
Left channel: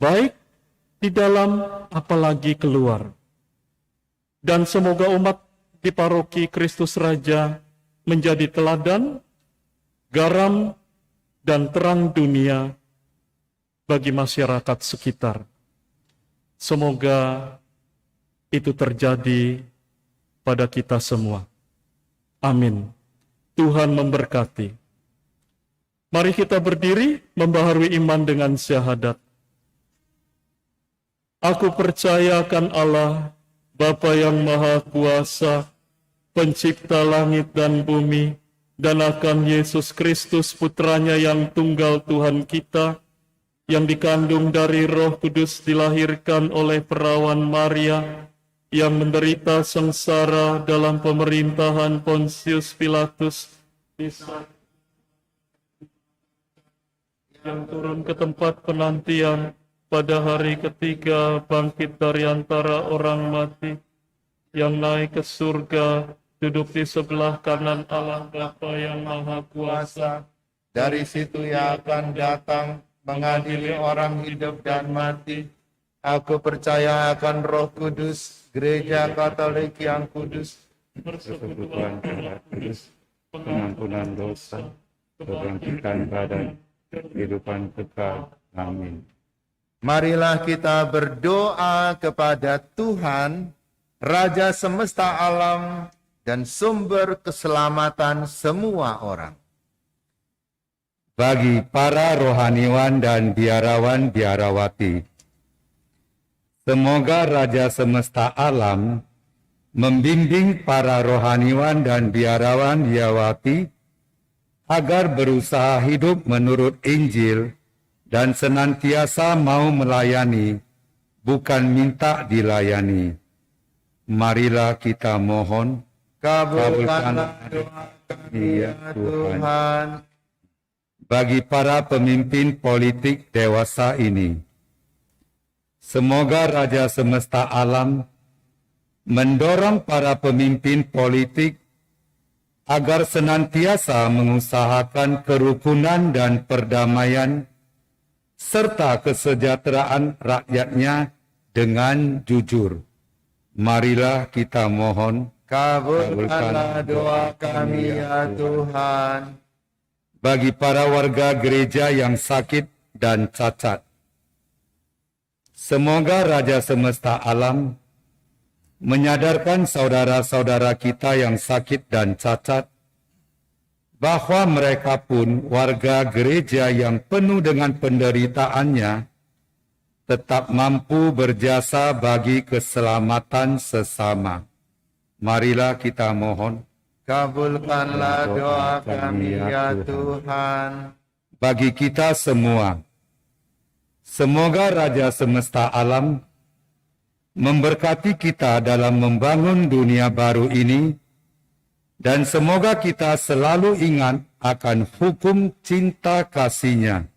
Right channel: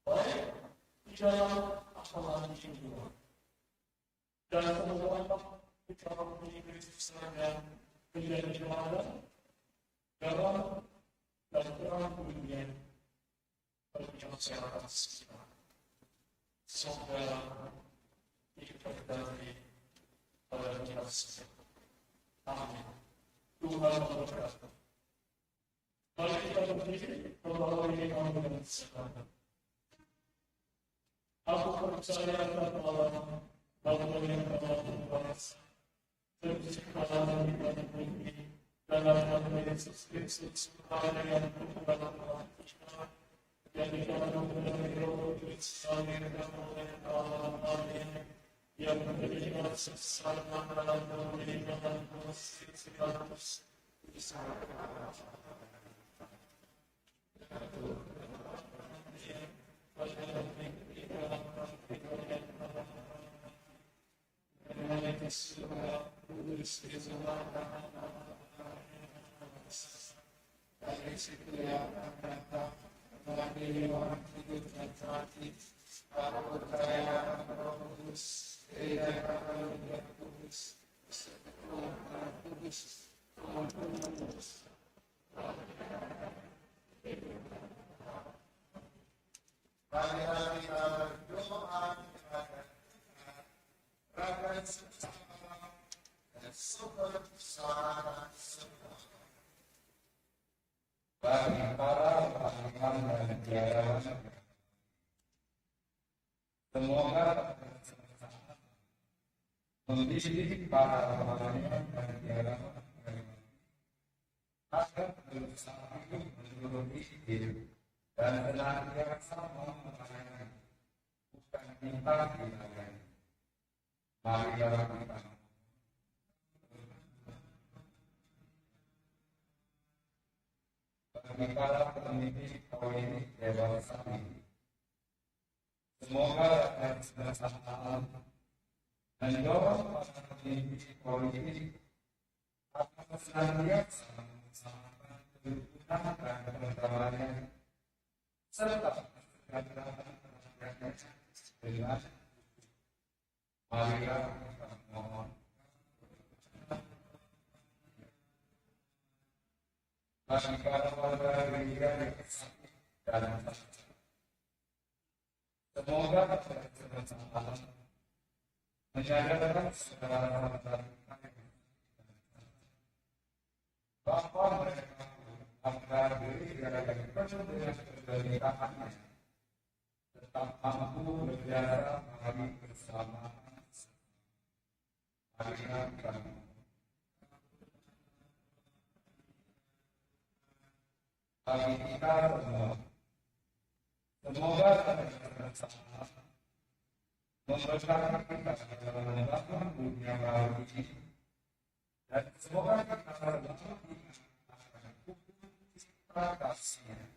baik di dalam apalagi keluar. Dan semoga umat di paroki Kristus Raja menjadi teladan, garam, dan terang dunia bagi masyarakat sekitar. Semoga itu terjadi pada kita semua. Amin. Tuhan memberkati. Mari kita berdiri membaharui iman dengan syahadat. Aku percaya akan Allah, Bapa yang Maha Kuasa, Pencipta langit dan bumi, dan akan Yesus Kristus Putranya yang tunggal Tuhan kita, yang dikandung dari Roh Kudus, dilahirkan oleh perawan Maria, yang menderita sengsara dalam pemerintahan Pontius Pilatus, yang turun ke tempat penantian, pada hari ketiga bangkit dari antara orang mati, yang naik ke surga, duduk di sebelah kanan Allah Bapa yang Maha Kuasa. Dari situ ia akan datang mengadili orang hidup dan mati. Aku percaya akan Roh Kudus, Gereja Katolik yang kudus, persekutuan darah kudus, pengampunan dosa, kebangkitan badan, kehidupan kekal. Amin. Marilah kita berdoa kepada Tuhan, Raja semesta alam dan sumber keselamatan semua orang. Bagi para rohaniwan dan biarawan-biarawati, semoga Raja semesta alam membimbing para rohaniwan dan biarawan-biarawati agar berusaha hidup menurut Injil dan senantiasa mau melayani, bukan minta dilayani. Marilah kita mohon, kabulkanlah doa kami ya Tuhan. Bagi para pemimpin politik dewasa ini, semoga Raja semesta alam mendorong para pemimpin politik agar senantiasa mengusahakan kerukunan dan perdamaian serta kesejahteraan rakyatnya dengan jujur. Marilah kita mohon, Kabulkanlah doa kami ya Tuhan. Bagi para warga gereja yang sakit dan cacat, semoga Raja semesta alam menyadarkan saudara-saudara kita yang sakit dan cacat bahwa mereka pun warga gereja yang penuh dengan penderitaannya tetap mampu berjasa bagi keselamatan sesama. Marilah kita mohon, Kabulkanlah doa kami ya Tuhan. bagi kita semua, semoga Raja semesta alam memberkati kita dalam membangun dunia baru ini, dan semoga kita selalu ingat akan hukum cinta kasih-Nya.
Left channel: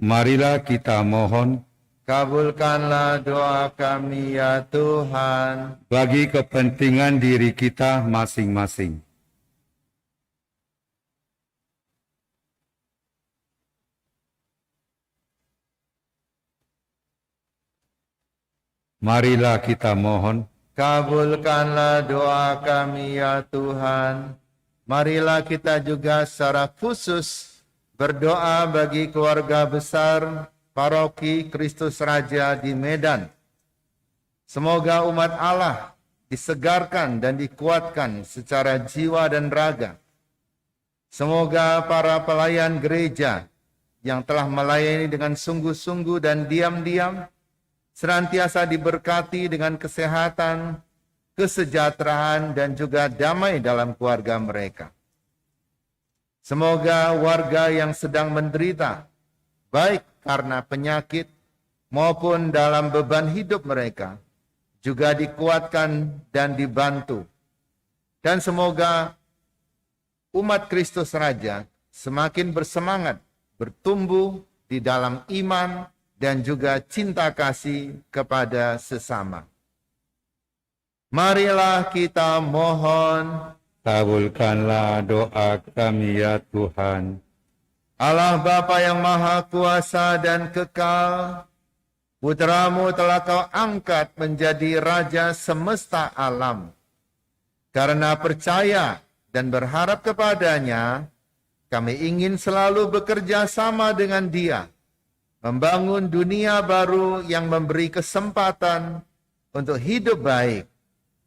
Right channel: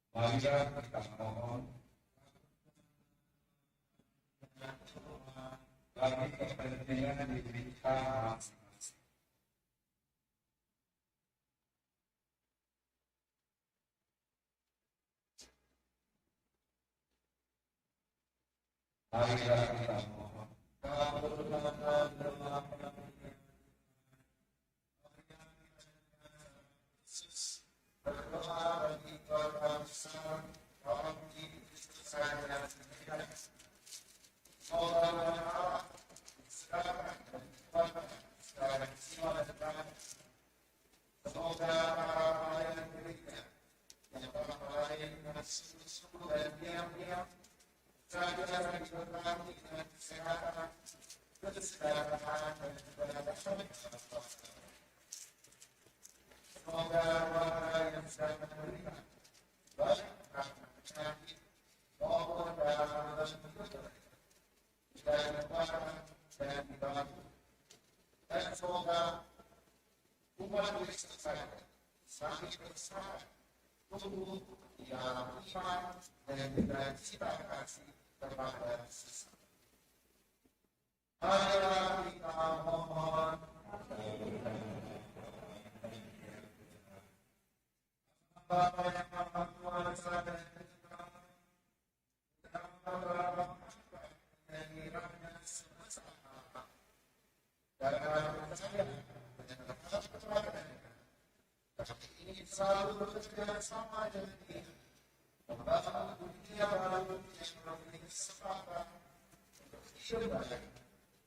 Marilah kita mohon, Kabulkanlah doa kami ya Tuhan. bagi kepentingan diri kita masing-masing. Marilah kita mohon, Kabulkanlah doa kami ya Tuhan. Marilah kita juga secara khusus berdoa bagi keluarga besar Paroki Kristus Raja di Medan. Semoga umat Allah disegarkan dan dikuatkan secara jiwa dan raga. Semoga para pelayan gereja yang telah melayani dengan sungguh-sungguh dan diam-diam senantiasa diberkati dengan kesehatan, kesejahteraan, dan juga damai dalam keluarga mereka. Semoga warga yang sedang menderita, baik karena penyakit maupun dalam beban hidup mereka, juga dikuatkan dan dibantu. Dan semoga umat Kristus Raja semakin bersemangat, bertumbuh di dalam iman, dan juga cinta kasih kepada sesama. Marilah kita mohon, kabulkanlah doa kami ya Tuhan. Allah Bapa yang Maha Kuasa dan Kekal, Putra-Mu telah Kau angkat menjadi Raja semesta alam. Karena percaya dan berharap kepadanya, kami ingin selalu bekerja sama dengan Dia, membangun dunia baru yang memberi kesempatan untuk hidup baik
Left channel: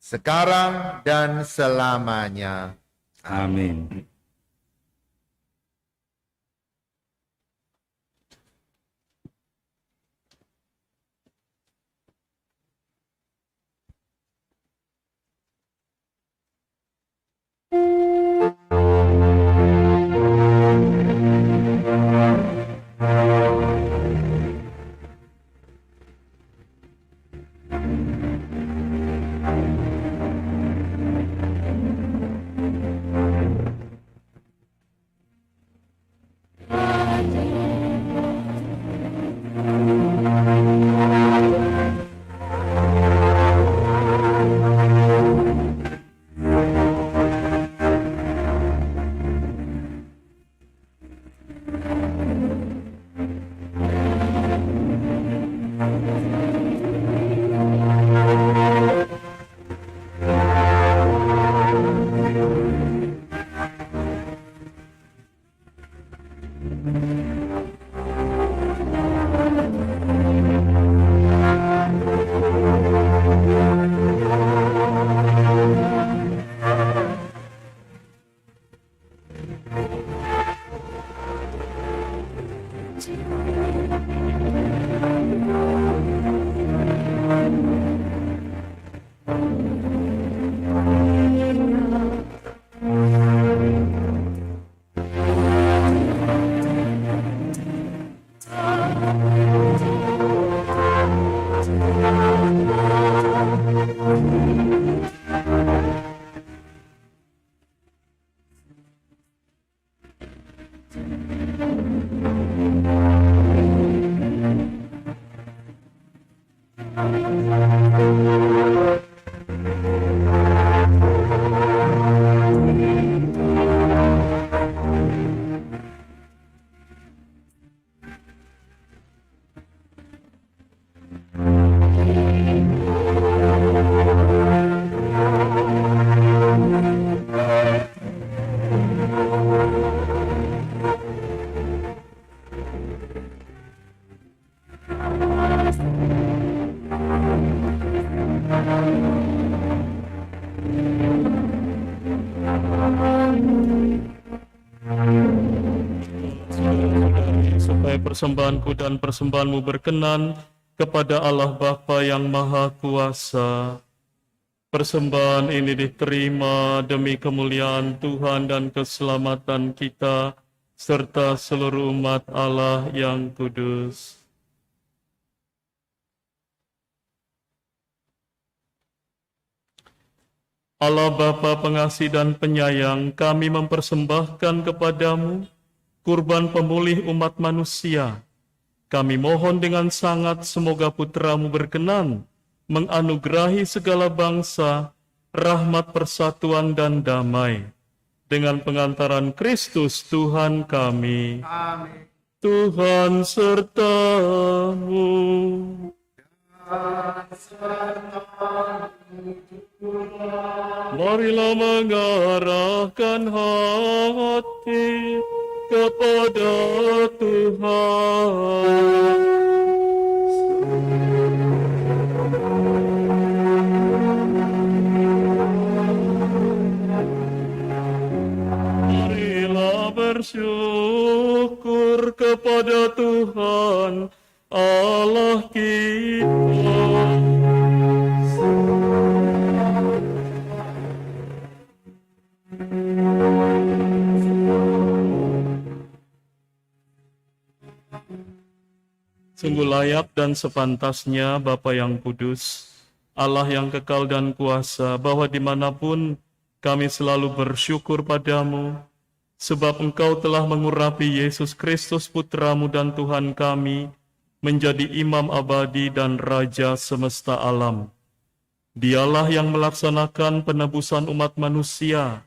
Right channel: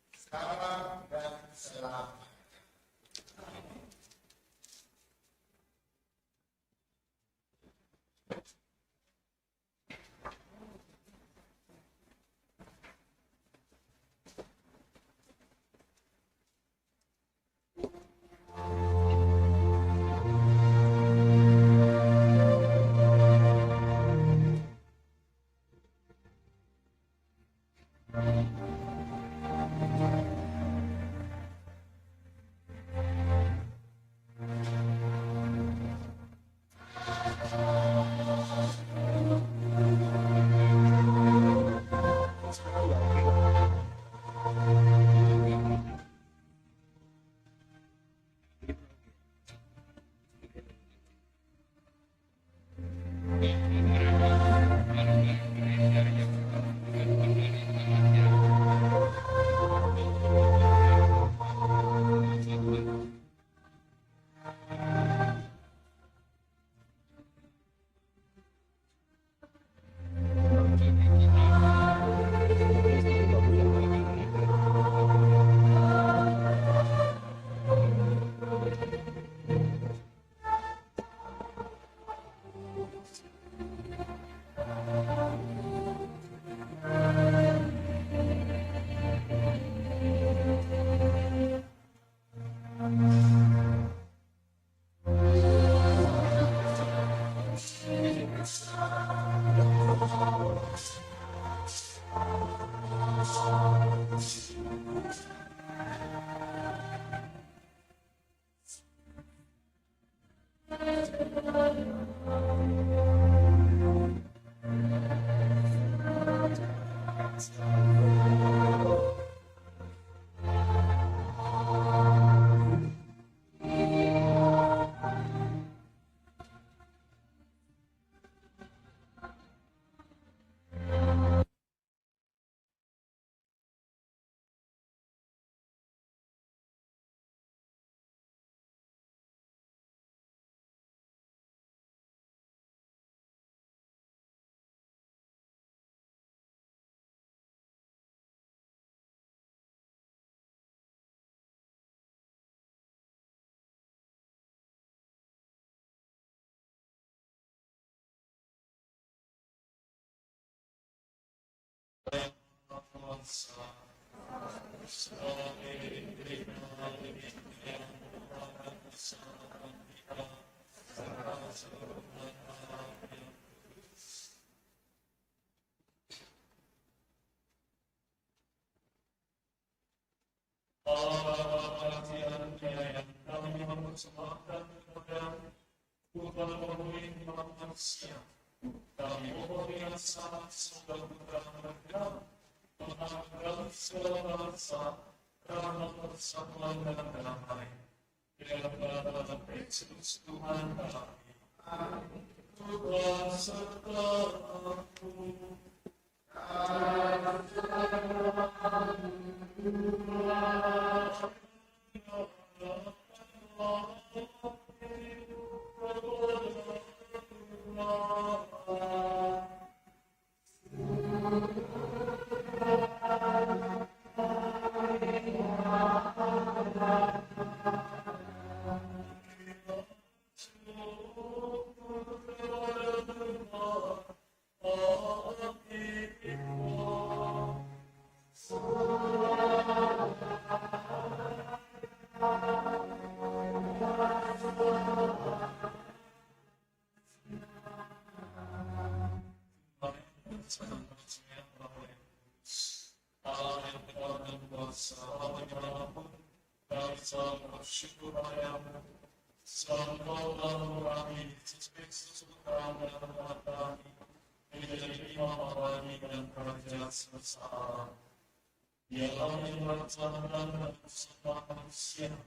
sekarang dan selamanya. Amin. Supaya persembahanku dan persembahanmu berkenan kepada Allah Bapa yang Maha Kuasa. Persembahan ini diterima demi kemuliaan Tuhan dan keselamatan kita, serta seluruh umat Allah yang kudus. Allah Bapa pengasih dan penyayang, kami mempersembahkan kepadamu kurban pemulih umat manusia. Kami mohon dengan sangat semoga putramu berkenan menganugerahi segala bangsa rahmat persatuan dan damai. Dengan pengantaran Kristus Tuhan kami. Amin. Tuhan sertamu. Marilah mengarahkan hati kepada Tuhan. Marilah bersyukur kepada Tuhan Allah kita. Sungguh layak dan sepantasnya Bapa yang kudus, Allah yang kekal dan kuasa, bahwa dimanapun kami selalu bersyukur padamu, sebab Engkau telah mengurapi Yesus Kristus Putramu dan Tuhan kami, menjadi imam abadi dan raja semesta alam. Dialah yang melaksanakan penebusan umat manusia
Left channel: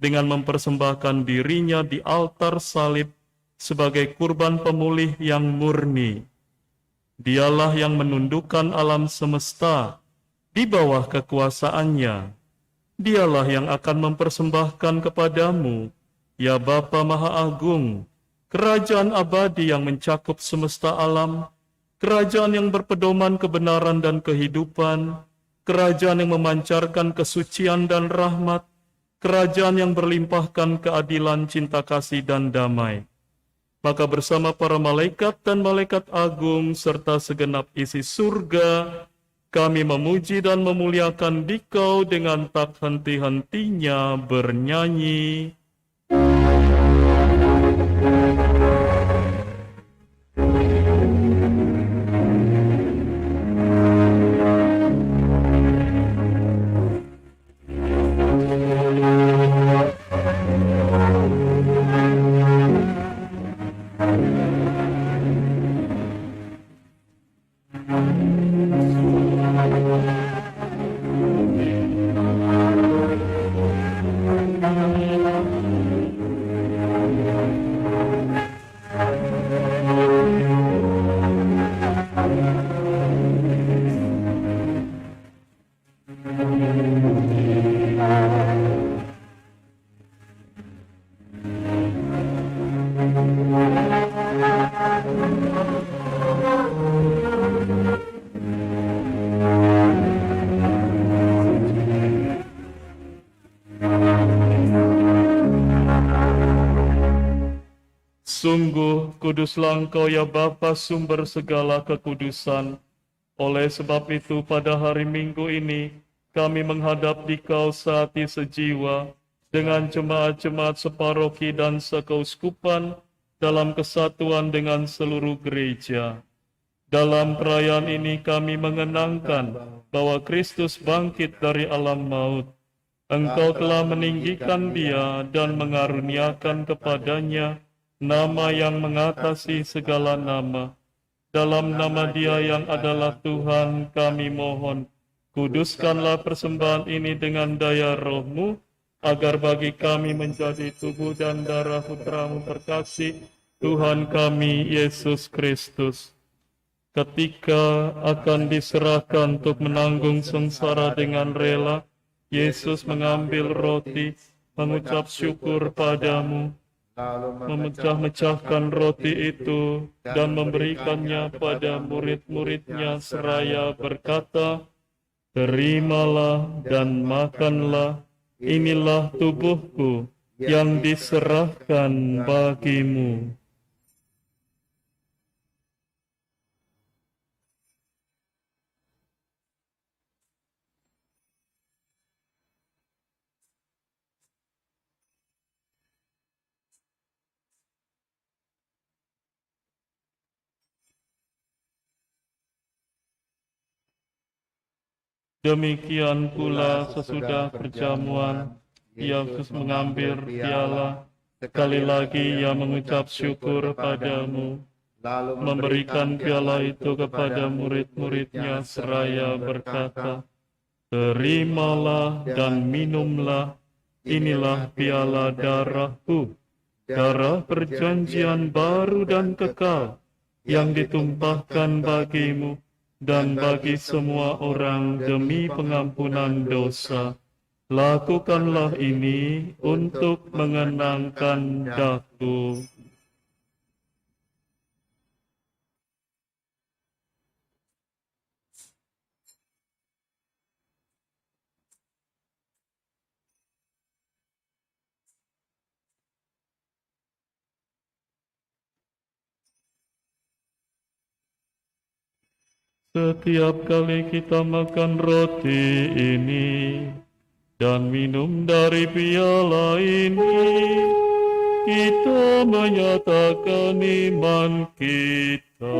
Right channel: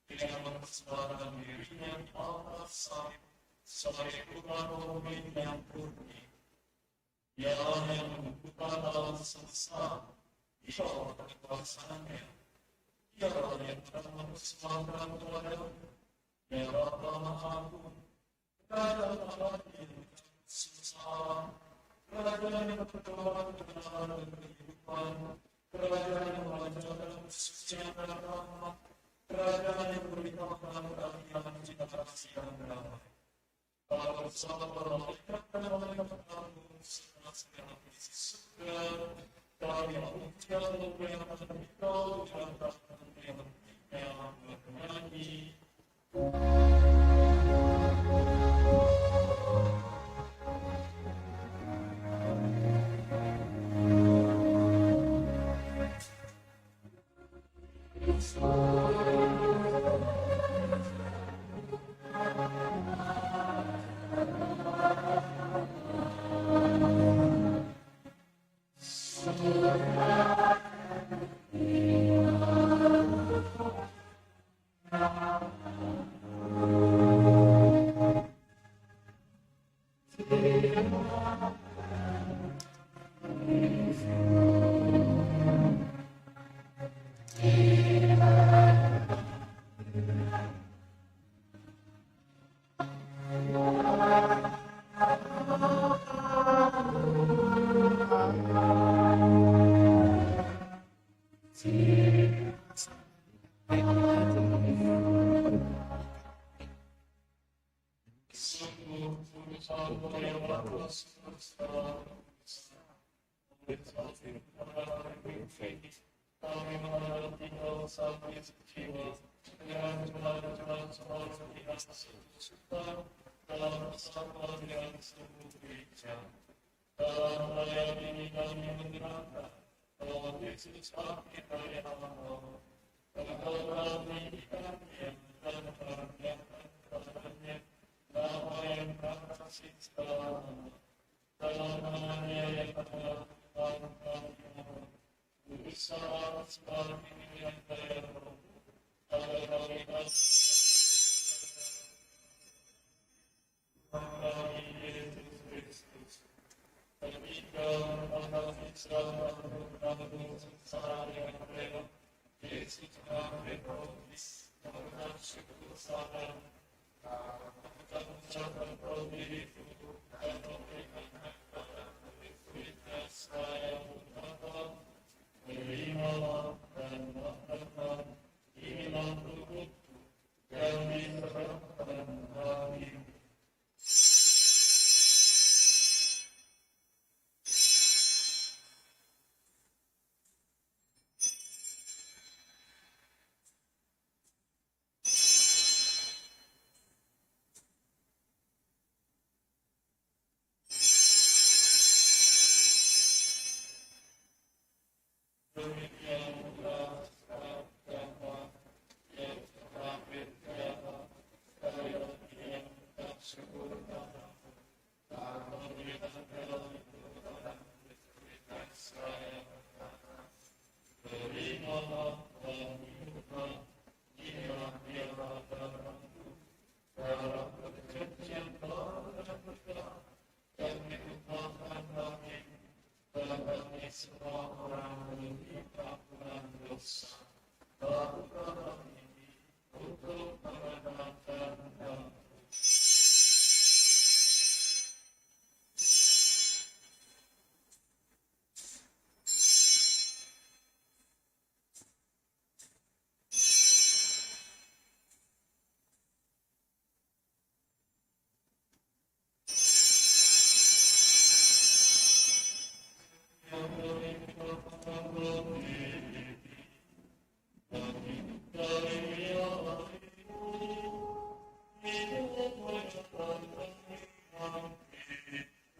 dengan mempersembahkan dirinya di altar salib sebagai kurban pemulih yang murni. Dialah yang menundukkan alam semesta di bawah kekuasaannya. Dialah yang akan mempersembahkan kepadamu, ya Bapa Maha Agung, kerajaan abadi yang mencakup semesta alam, kerajaan yang berpedoman kebenaran dan kehidupan, kerajaan yang memancarkan kesucian dan rahmat, kerajaan yang berlimpahkan keadilan, cinta kasih, dan damai. Maka bersama para malaikat dan malaikat agung serta segenap isi surga, kami memuji dan memuliakan Dikau dengan tak henti-hentinya bernyanyi. Sungguh kuduslah Engkau ya Bapa, sumber segala kekudusan. Oleh sebab itu pada hari Minggu ini kami menghadap Dikau sehati sejiwa dengan jemaat-jemaat separoki dan sekeuskupan dalam kesatuan dengan seluruh gereja. Dalam perayaan ini kami mengenangkan bahwa Kristus bangkit dari alam maut. Engkau telah meninggikan Dia dan mengaruniakan kepadanya nama yang mengatasi segala nama. Dalam nama Dia yang adalah Tuhan, kami mohon, kuduskanlah persembahan ini dengan daya roh-Mu, agar bagi kami menjadi tubuh dan darah Putra-Mu terkasih, Tuhan kami, Yesus Kristus. Ketika akan diserahkan untuk menanggung sengsara dengan rela, Yesus mengambil roti, mengucap syukur padamu, memecah-mecahkan roti itu dan memberikannya pada murid-muridnya seraya berkata, "Terimalah dan makanlah, inilah tubuhku yang diserahkan bagimu." Demikian pula sesudah perjamuan, Yesus mengambil piala, sekali lagi Ia mengucap syukur padamu, memberikan piala itu kepada murid-muridnya seraya berkata, "Terimalah dan minumlah, inilah piala darahku, darah perjanjian baru dan kekal, yang ditumpahkan bagimu dan bagi semua orang demi pengampunan dosa. Lakukanlah ini untuk mengenangkan daku." Setiap kali kita makan roti ini dan minum dari piala ini, kita menyatakan iman kita.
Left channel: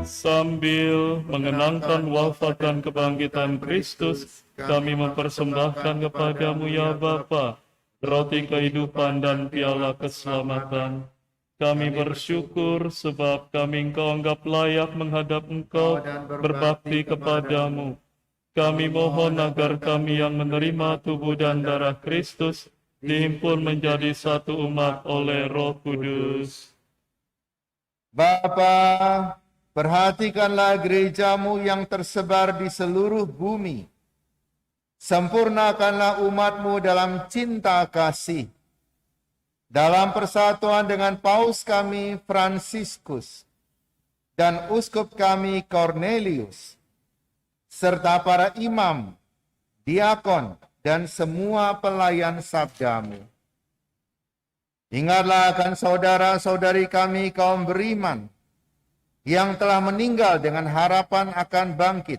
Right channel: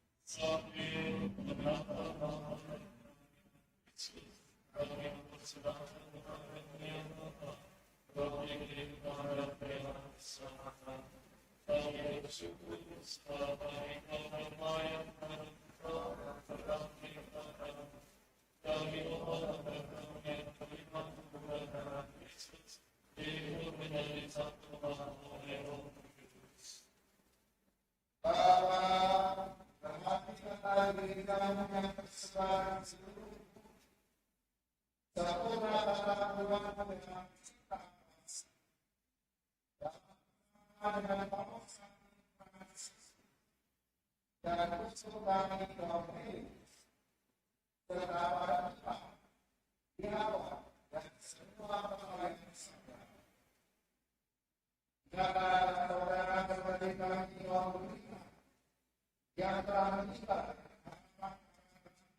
Sambil mengenangkan wafat dan kebangkitan Kristus, kami mempersembahkan kepadamu ya Bapa, roti kehidupan dan piala keselamatan. Kami bersyukur sebab kami Engkau anggap layak menghadap Engkau berbakti kepadamu. Kami mohon agar kami yang menerima tubuh dan darah Kristus dihimpun menjadi satu umat oleh Roh Kudus. Bapa, perhatikanlah gerejamu yang tersebar di seluruh bumi. Sempurnakanlah umatmu dalam cinta kasih. Dalam persatuan dengan Paus kami Fransiskus dan Uskup kami Cornelius, serta para imam, diakon, dan semua pelayan sabdamu. Ingatlah akan saudara-saudari kami kaum beriman, yang telah meninggal dengan harapan akan bangkit,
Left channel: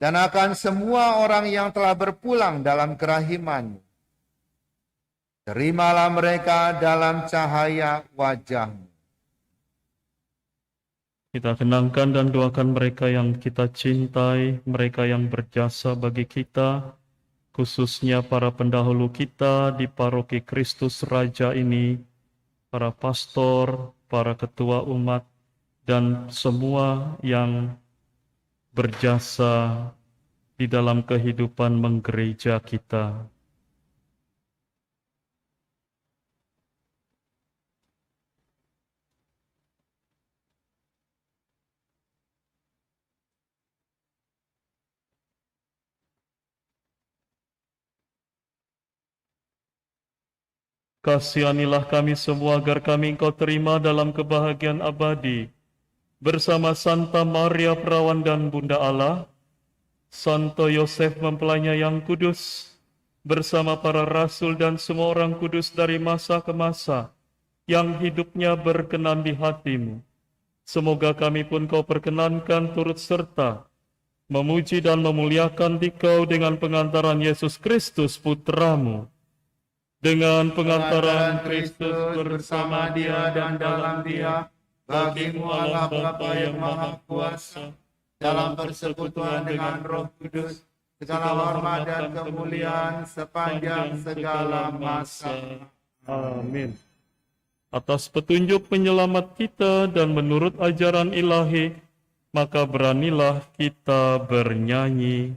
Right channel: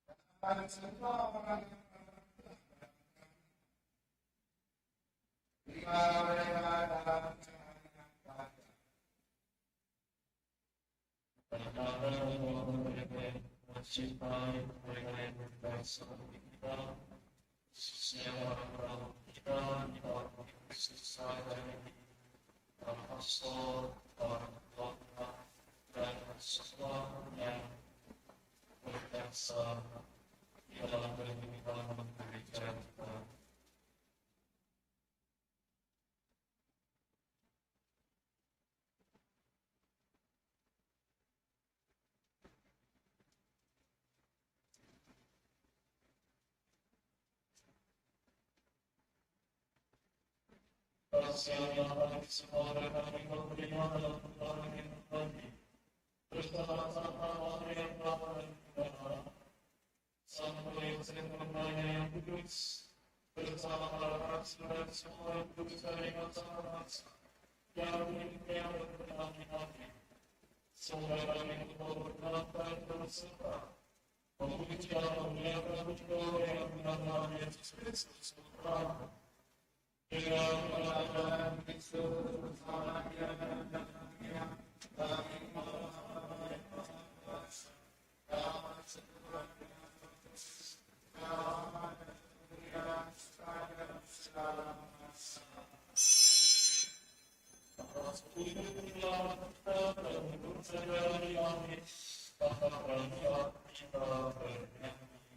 dan akan semua orang yang telah berpulang dalam kerahiman-Mu. Terimalah mereka dalam cahaya wajah-Mu. Kita kenangkan dan doakan mereka yang kita cintai, mereka yang berjasa bagi kita, khususnya para pendahulu kita di paroki Kristus Raja ini, para pastor, para ketua umat, dan semua yang berjasa di dalam kehidupan menggereja kita. Kasihanilah kami semua agar kami Engkau terima dalam kebahagiaan abadi bersama Santa Maria Perawan dan Bunda Allah, Santo Yosef mempelainya yang kudus, bersama para rasul dan semua orang kudus dari masa ke masa, yang hidupnya berkenan di hatimu. Semoga kami pun kau perkenankan turut serta, memuji dan memuliakan Dikau dengan pengantaran Yesus Kristus Putramu. Dengan pengantaran Kristus bersama Dia dan dalam Dia, bagimu Allah Bapa yang Maha Kuasa, dalam persekutuan dengan Roh Kudus, segala hormat dan kemuliaan sepanjang segala masa. Amin. Atas petunjuk penyelamat kita dan menurut ajaran ilahi, maka beranilah kita bernyanyi.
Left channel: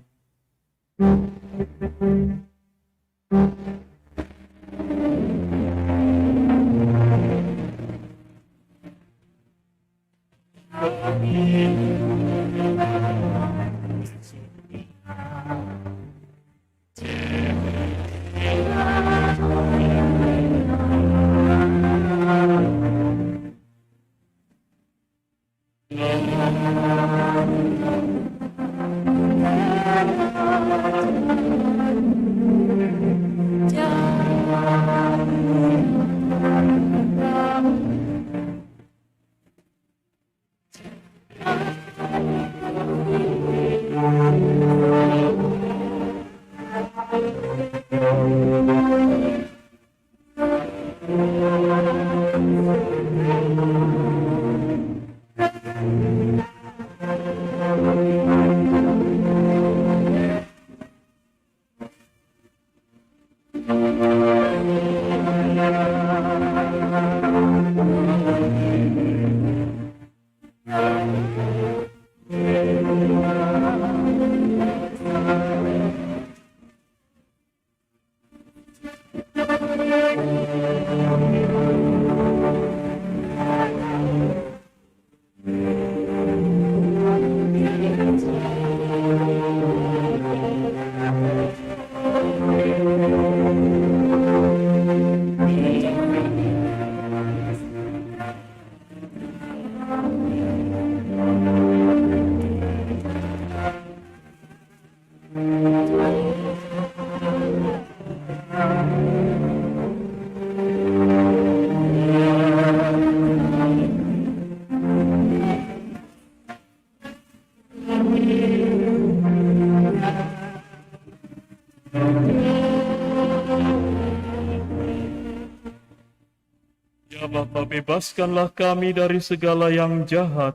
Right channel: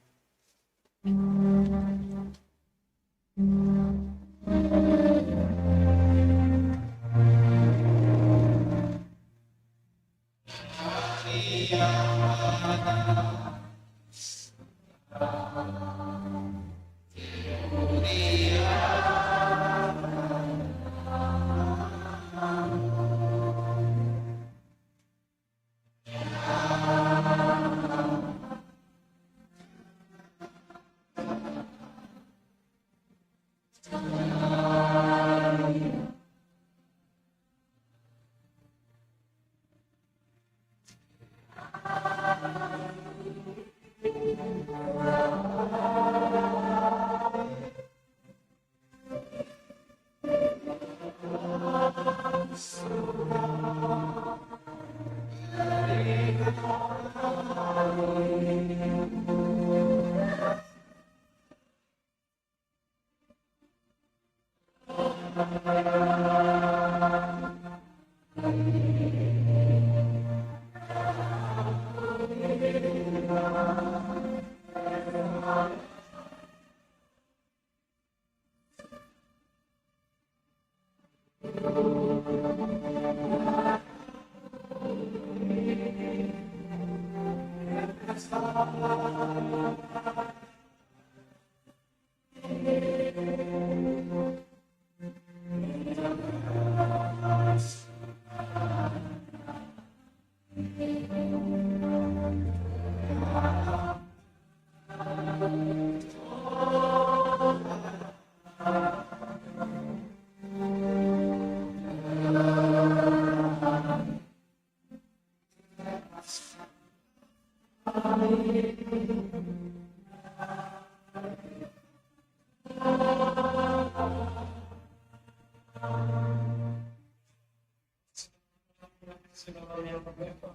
Ya Bapa, bebaskanlah kami dari segala yang jahat,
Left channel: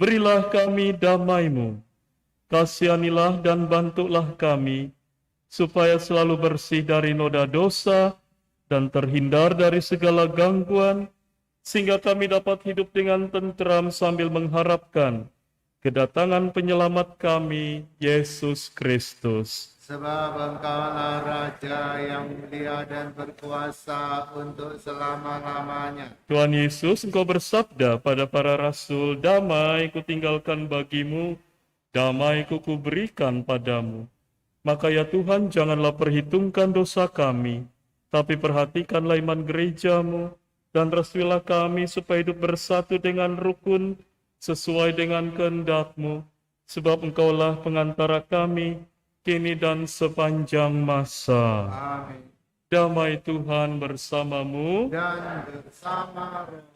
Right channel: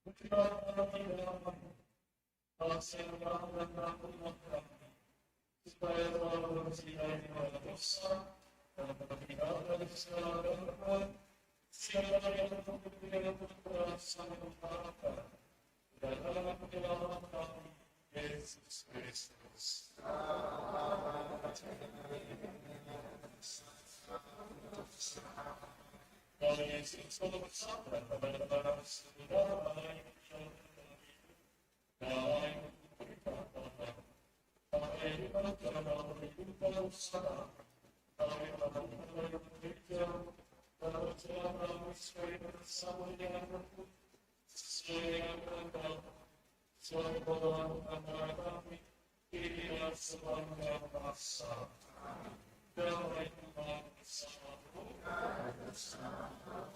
berilah kami damai-Mu, kasihanilah dan bantulah kami, supaya selalu bersih dari noda dosa dan terhindar dari segala gangguan, sehingga kami dapat hidup dengan tentram sambil mengharapkan kedatangan penyelamat kami, Yesus Kristus. Sebab Engkaulah Raja yang mulia dan berkuasa untuk selama-lamanya. Tuhan Yesus, Engkau bersabda pada para rasul, damai kutinggalkan bagimu, damai kuberikan padamu. Maka ya Tuhan, janganlah perhitungkan dosa kami, tapi perhatikanlah iman gereja-Mu, dan restuilah kami supaya hidup bersatu dengan rukun, sesuai dengan kehendak-Mu, sebab Engkaulah pengantara kami, kini dan sepanjang masa. Amin. Damai Tuhan bersamamu. Dan bersama roh.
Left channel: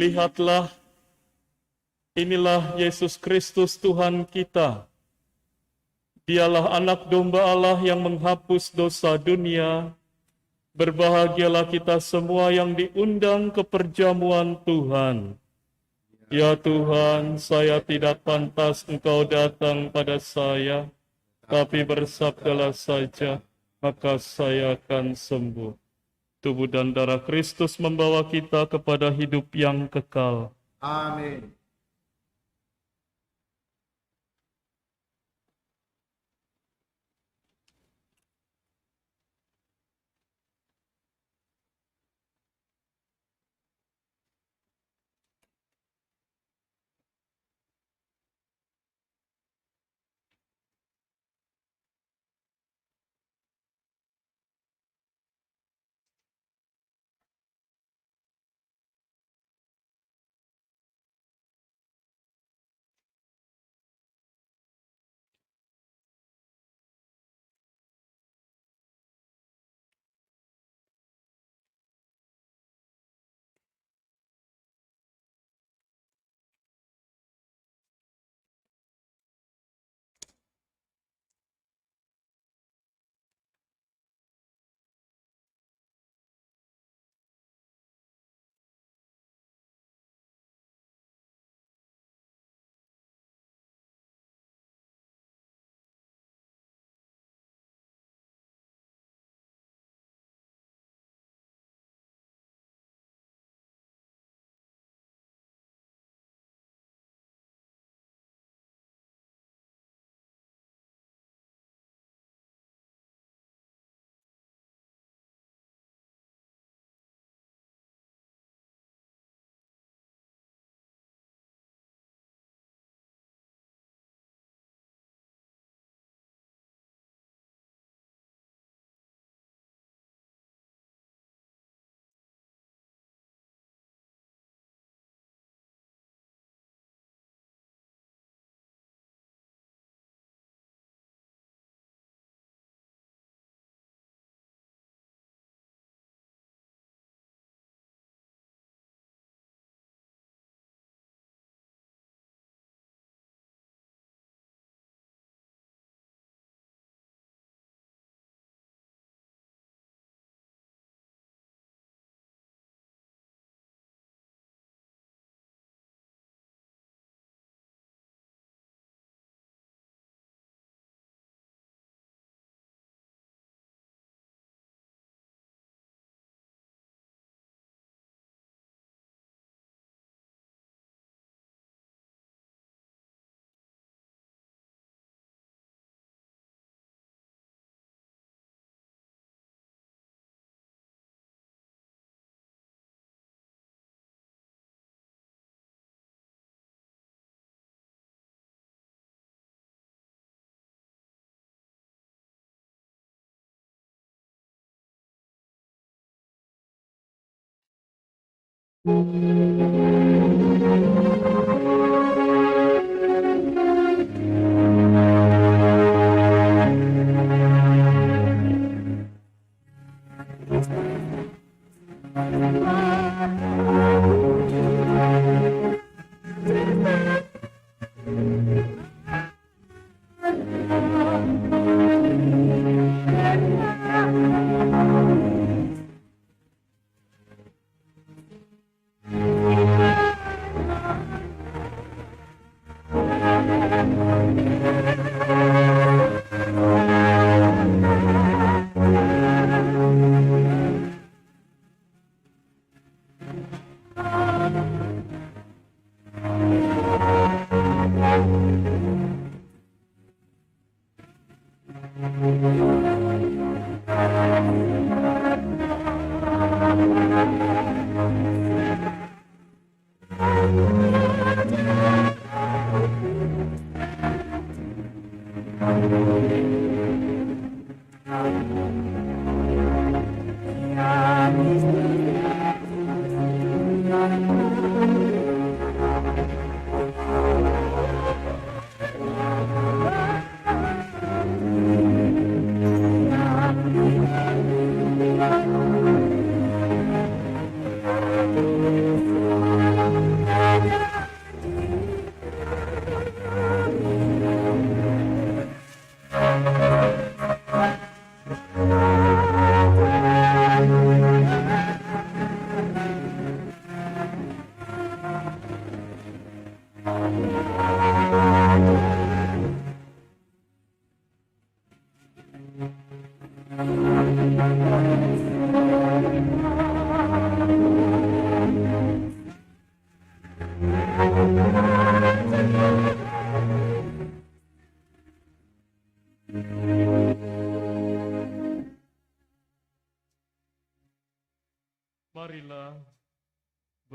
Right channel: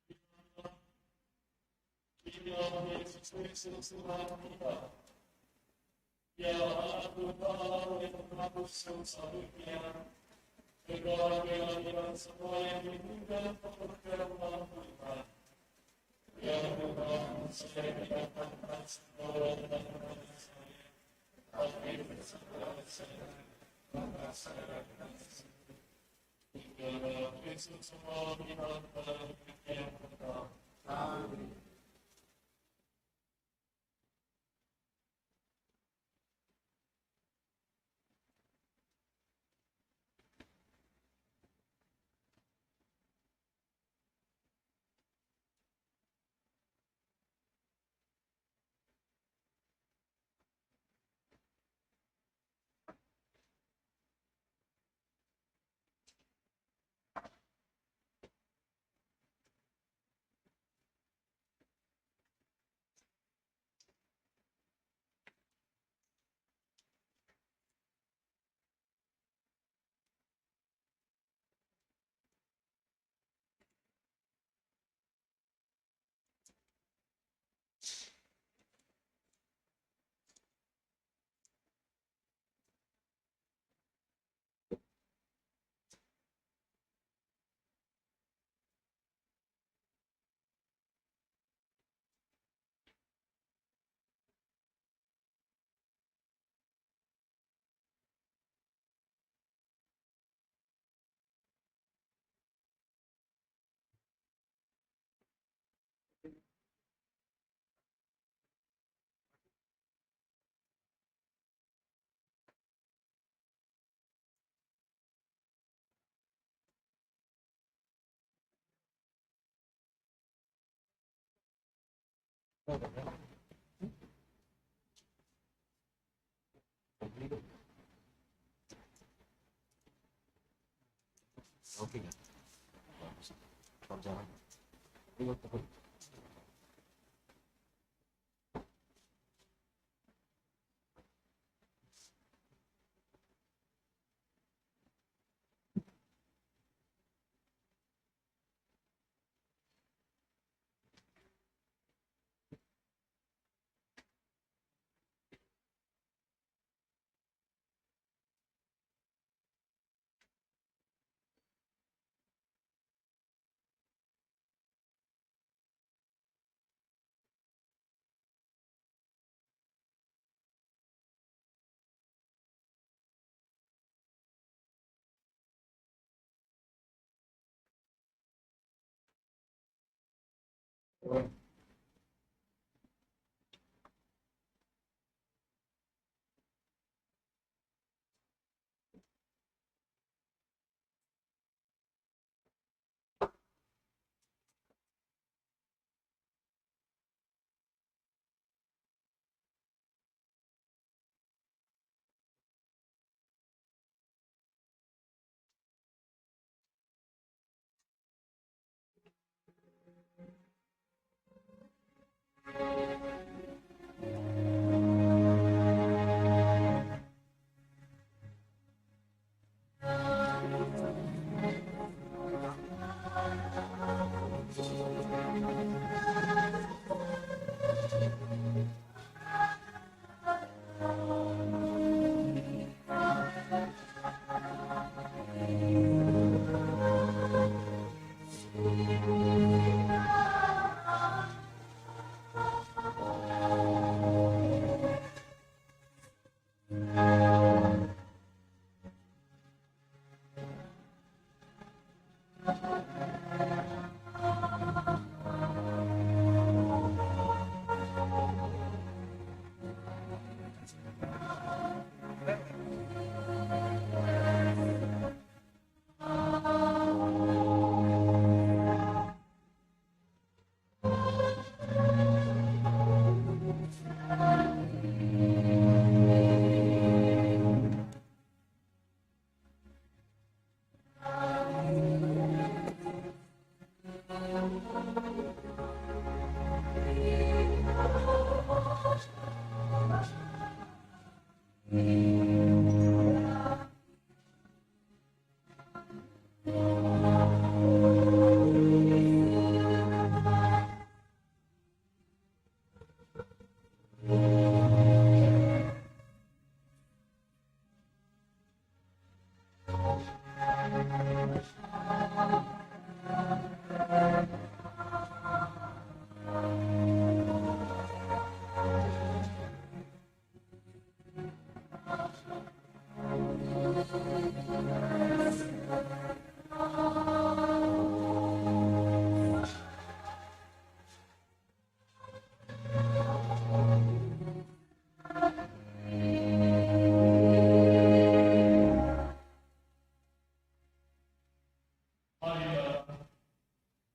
Lihatlah, inilah Yesus Kristus Tuhan kita. Dialah anak domba Allah yang menghapus dosa dunia. Berbahagialah kita semua yang diundang ke perjamuan Tuhan. Ya Tuhan, saya tidak pantas Engkau datang pada saya, tapi bersabdalah saja, maka saya akan sembuh. Tubuh dan darah Kristus membawa kita kepada hidup yang kekal. Amin.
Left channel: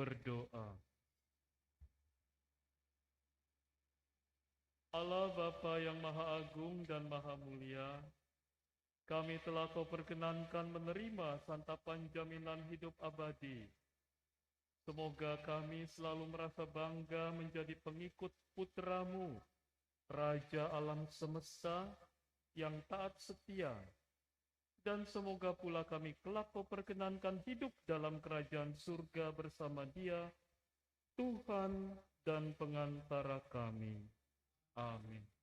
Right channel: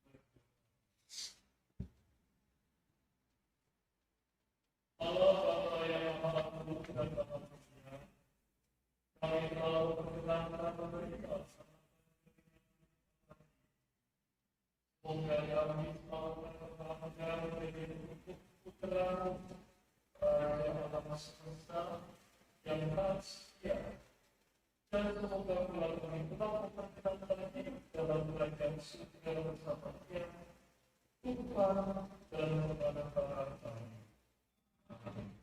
berdoa. Allah Bapa yang Maha Agung dan Maha Mulia, kami telah berkenankan menerima santapan jaminan hidup abadi. Semoga kami selalu merasa bangga menjadi pengikut Putra, Raja alam semesta yang taat setia. Dan semoga pula kami kelak memperkenankan hidup dalam kerajaan surga bersama Dia, Tuhan dan pengantara kami. Amin.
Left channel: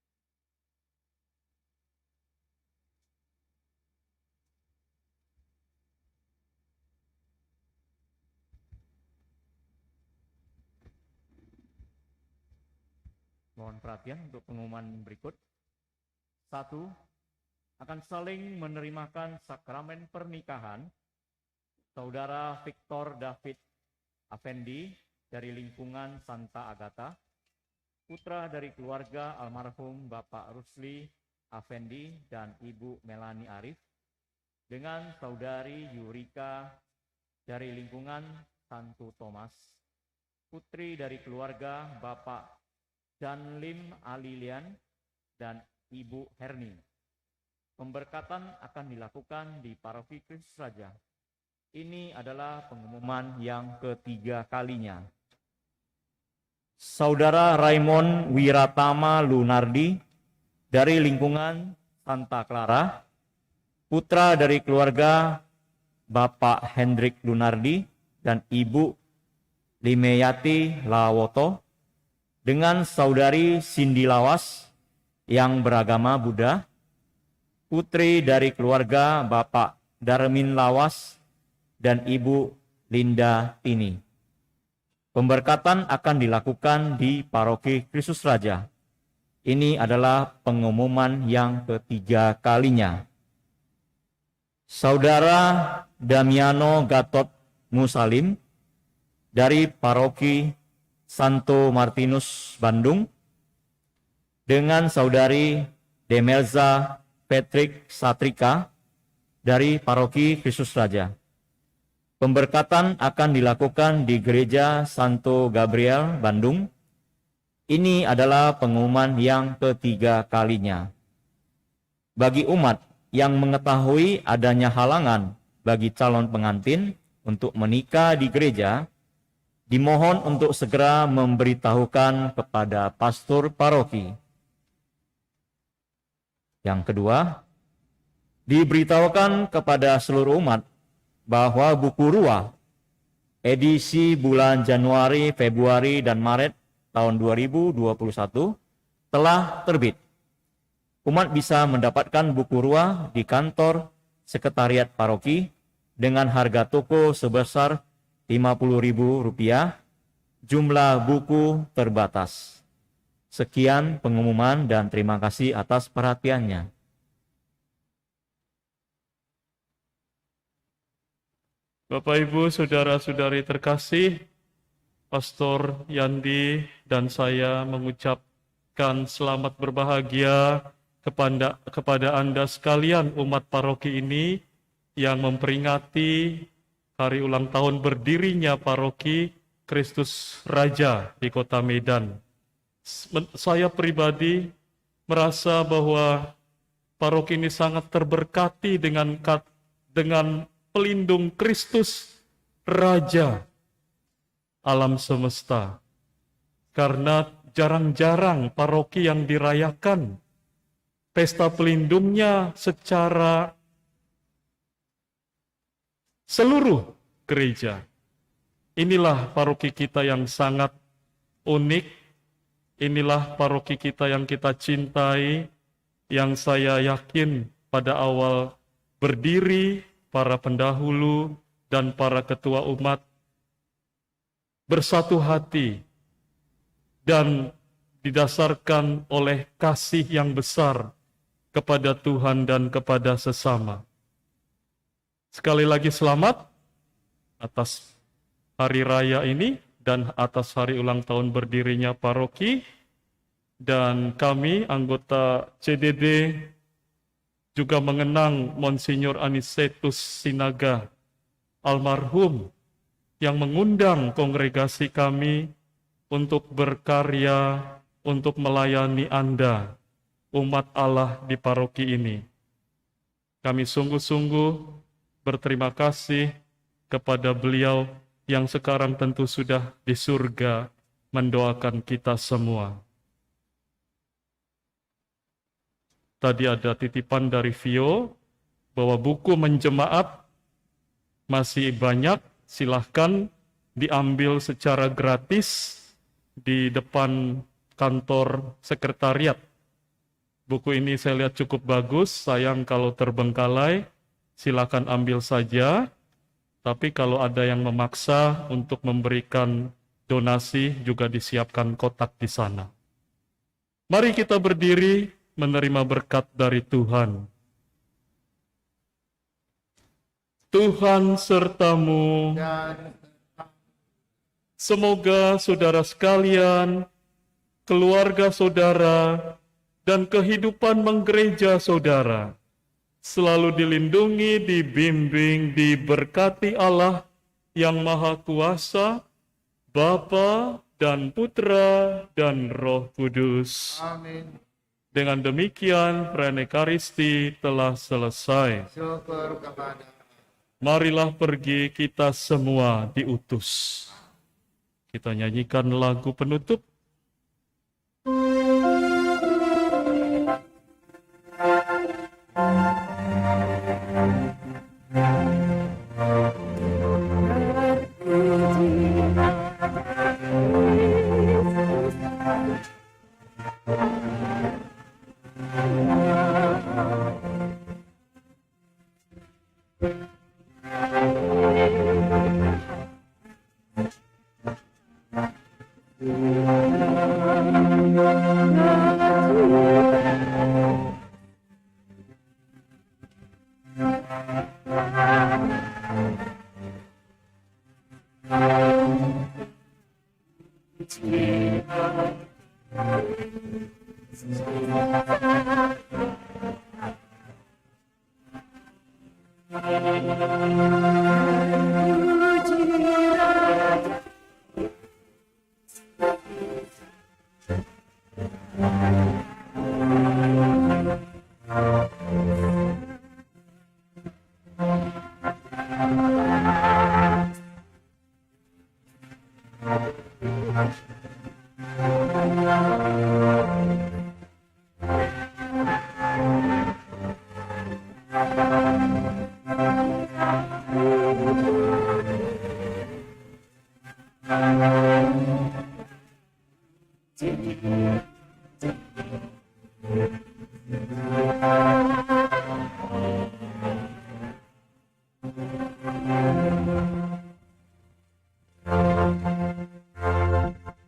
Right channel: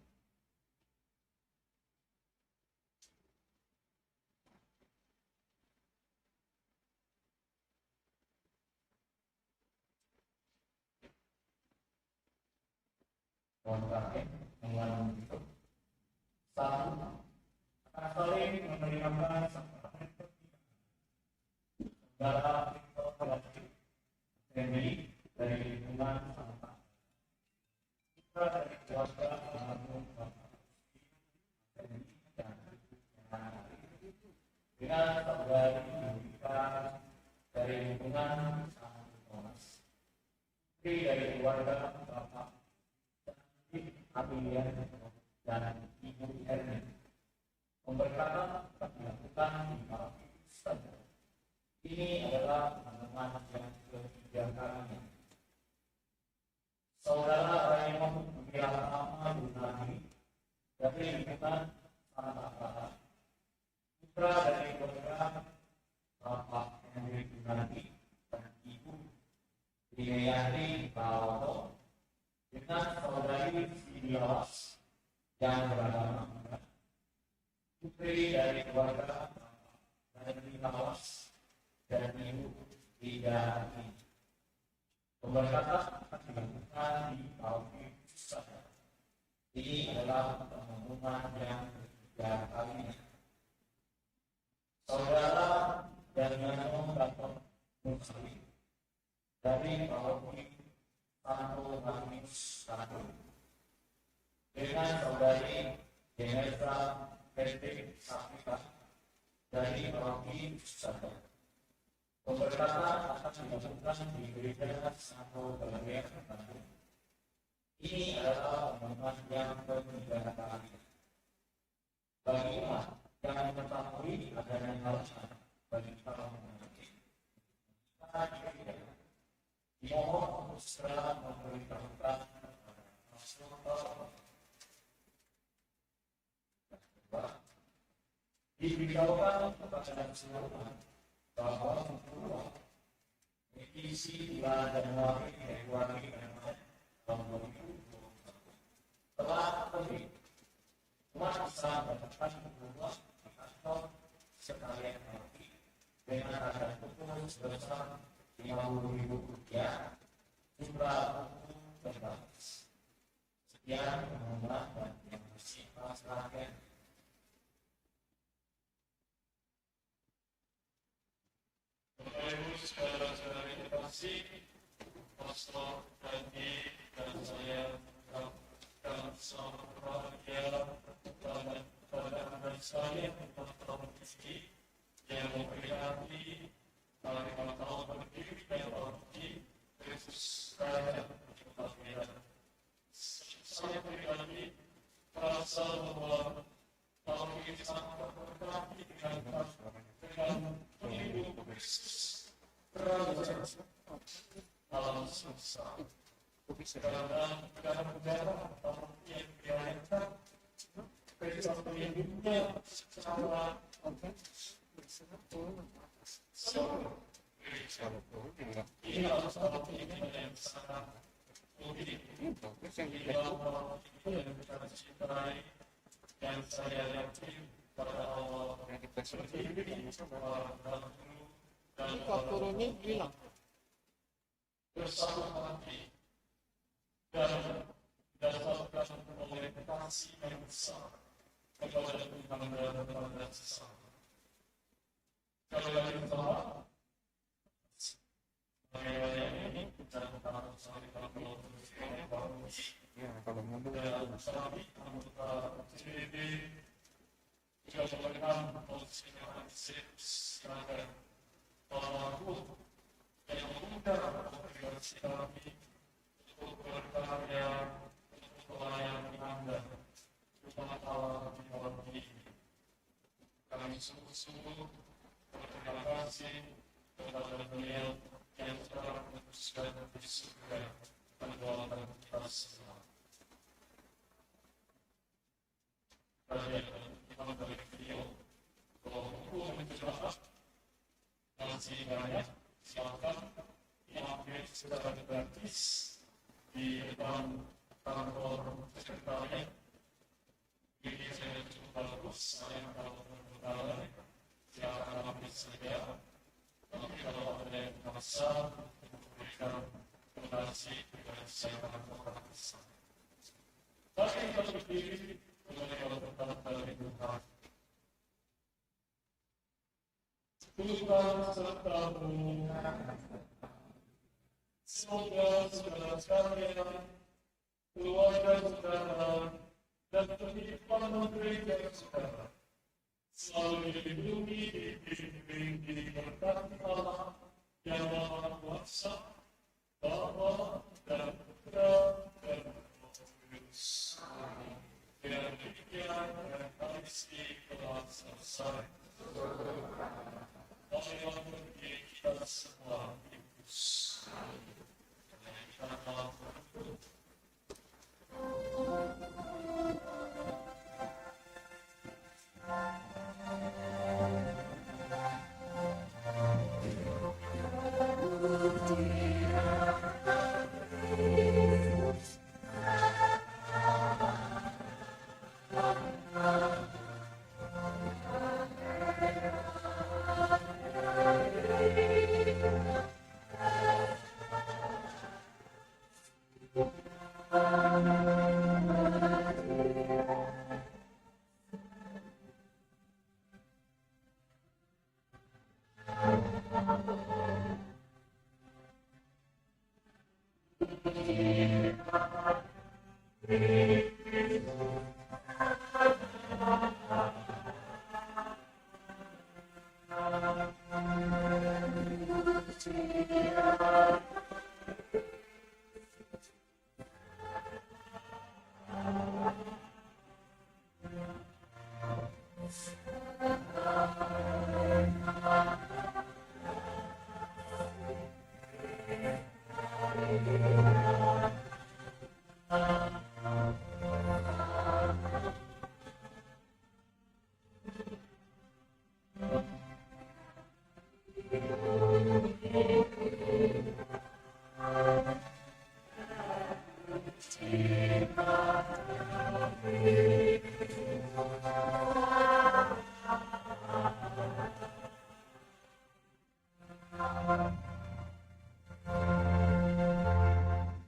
Mohon perhatian untuk pengumuman berikut. 1. Akan saling menerimakan sakramen pernikahan Saudara Victor David Afendi dari lingkungan Santa Agatha, putra dari keluarga almarhum Bapak Rusli Afendi dan Ibu Melani Arif, dengan Saudari Yurika dari lingkungan Santo Thomas, putri dari keluarga Bapak Janlim Alilian dan Ibu Herni. Pemberkatan akan dilakukan di Paroki Kristus Raja. Ini adalah pengumuman yang ketiga kalinya. Saudara Raymond Wiratama Lunardi dari lingkungan Santa Clara, putra dari keluarga Bapak Hendrik Lunardi dan Ibu Limeyati Lawoto, dengan Saudari Cindy Lawas yang beragama Buddha, putri dari keluarga Bapak Darmin Lawas dan Ibu Linda Tini. Pemberkatan akan dilakukan di Paroki Kristus Raja. Ini adalah pengumuman yang ketiga kalinya. Saudara Damiano Gatot Musalim dari Paroki Santo Martinus Bandung, dengan Saudari Demelza Patrick Satrika dari Paroki Kristus Raja. Pemberkatan akan dilakukan di Gereja Santo Gabriel, Bandung. Ini adalah pengumuman yang ketiga kalinya. Bagi umat yang mengetahui adanya halangan bagi calon pengantin untuk menikah di gereja, dimohon untuk segera memberitahukan kepada pastor paroki. Yang kedua, diberitahukan kepada seluruh umat bahwa buku Ruah edisi bulan Januari, Februari, dan Maret tahun 2021 telah terbit. Umat bisa mendapatkan buku Ruah di kantor sekretariat paroki dengan harga toko sebesar Rp50.000, jumlah buku terbatas. Sekian pengumuman dan terima kasih atas perhatiannya. Bapak, Ibu, Saudara-saudari terkasih, Pastor Yandi dan saya mengucapkan selamat berbahagia kepada Anda sekalian umat paroki ini yang memperingati hari ulang tahun berdirinya Paroki Kristus Raja di Kota Medan. Saya pribadi merasa bahwa paroki ini sangat terberkati dengan pelindung Kristus Raja alam semesta. Karena jarang-jarang paroki yang dirayakan pesta pelindungnya secara seluruh gereja. Inilah paroki kita yang sangat unik. Inilah paroki kita yang kita cintai, yang saya yakin pada awal berdiri, para pendahulu dan para ketua umat bersatu hati dan didasarkan oleh kasih yang besar kepada Tuhan dan kepada sesama. Sekali lagi selamat atas hari raya ini dan atas hari ulang tahun berdirinya paroki. Dan kami anggota CDD juga mengenang Monsinyur Anicetus Sinaga almarhum yang mengundang kongregasi kami untuk berkarya, untuk melayani Anda, umat Allah di paroki ini. Kami sungguh-sungguh berterima kasih kepada beliau yang sekarang tentu sudah di surga mendoakan kita semua. Tadi ada titipan dari Vio bahwa buku menjemaat masih banyak, silahkan diambil secara gratis di depan kantor sekretariat. Buku ini saya lihat cukup bagus, sayang kalau terbengkalai, silakan ambil saja. Tapi kalau ada yang memaksa untuk memberikan donasi, juga disiapkan kotak di sana. Mari kita berdiri menerima berkat dari Tuhan. Tuhan sertamu. Semoga saudara sekalian, keluarga saudara, dan kehidupan menggereja saudara selalu dilindungi, dibimbing, diberkati Allah yang Maha Kuasa, Bapa dan Putra dan Roh Kudus. Amin. Dengan demikian, perayaan Ekaristi telah selesai. Syukur kepada Marilah pergi, kita semua diutus. Kita nyanyikan lagu penutup.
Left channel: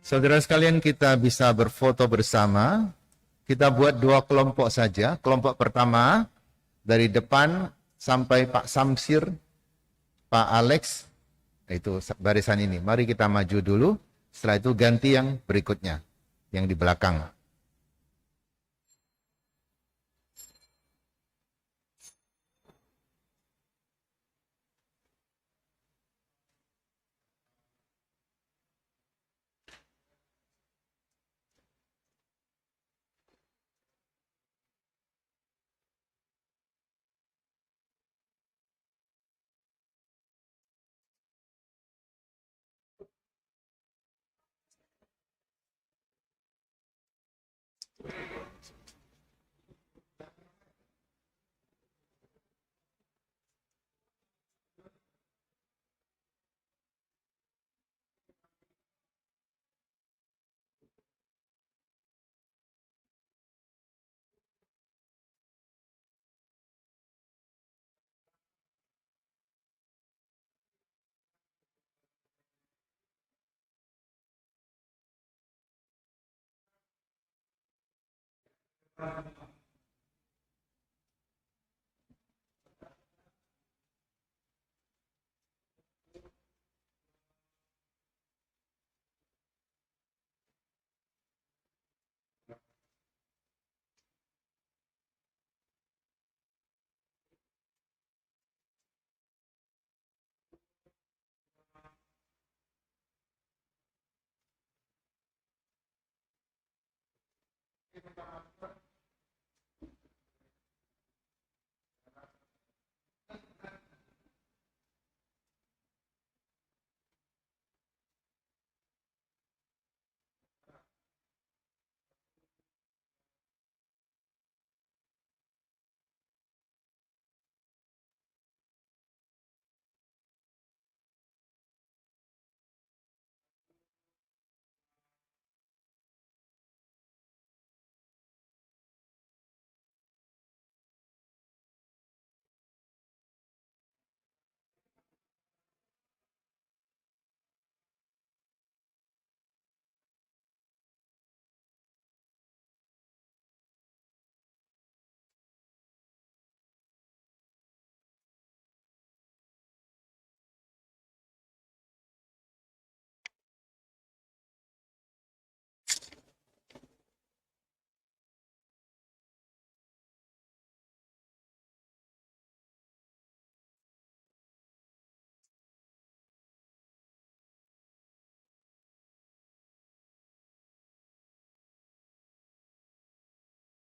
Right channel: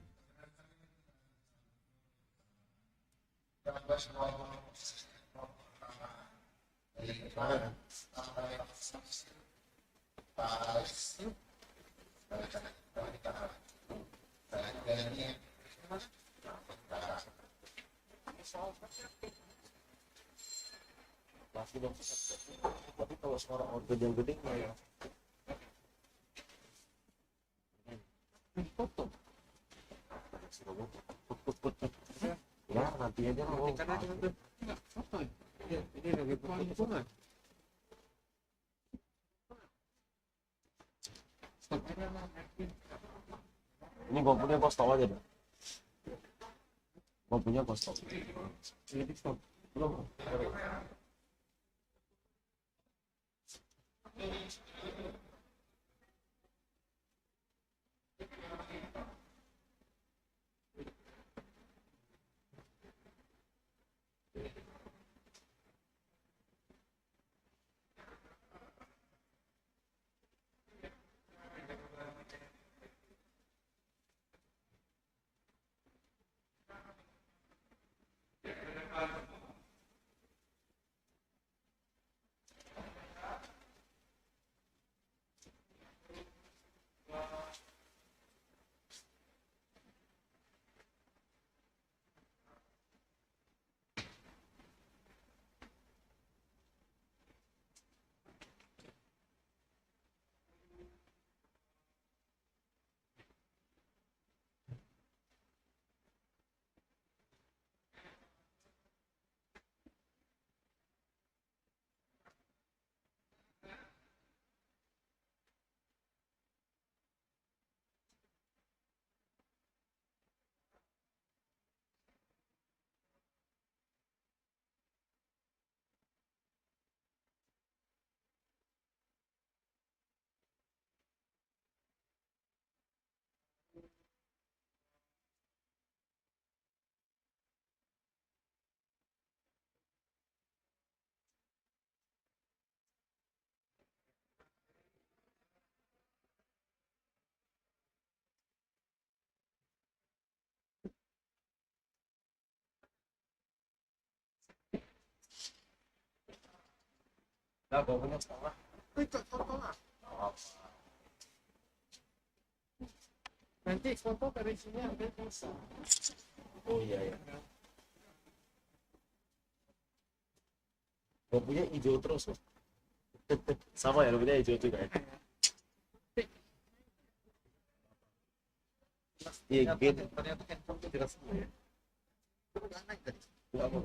Saudara sekalian, kita bisa berfoto bersama. Kita buat 2 kelompok saja. Kelompok pertama dari depan sampai Pak Samsir, Pak Alex, itu barisan ini. Mari kita maju dulu. Setelah itu ganti yang berikutnya, yang di belakang. Ini gue punya kos tau aja deh. Gue punya kos tau. Belum. Nah, gue punya setengah. Nanti foto dari sini ambil bisa. Oh iya ya. Gue punya hijau terus loh. Sama ya, lu punya hijau juga ya. Iya, gitu. Ternyata handphone itu tidak semua ya. Enggak apa.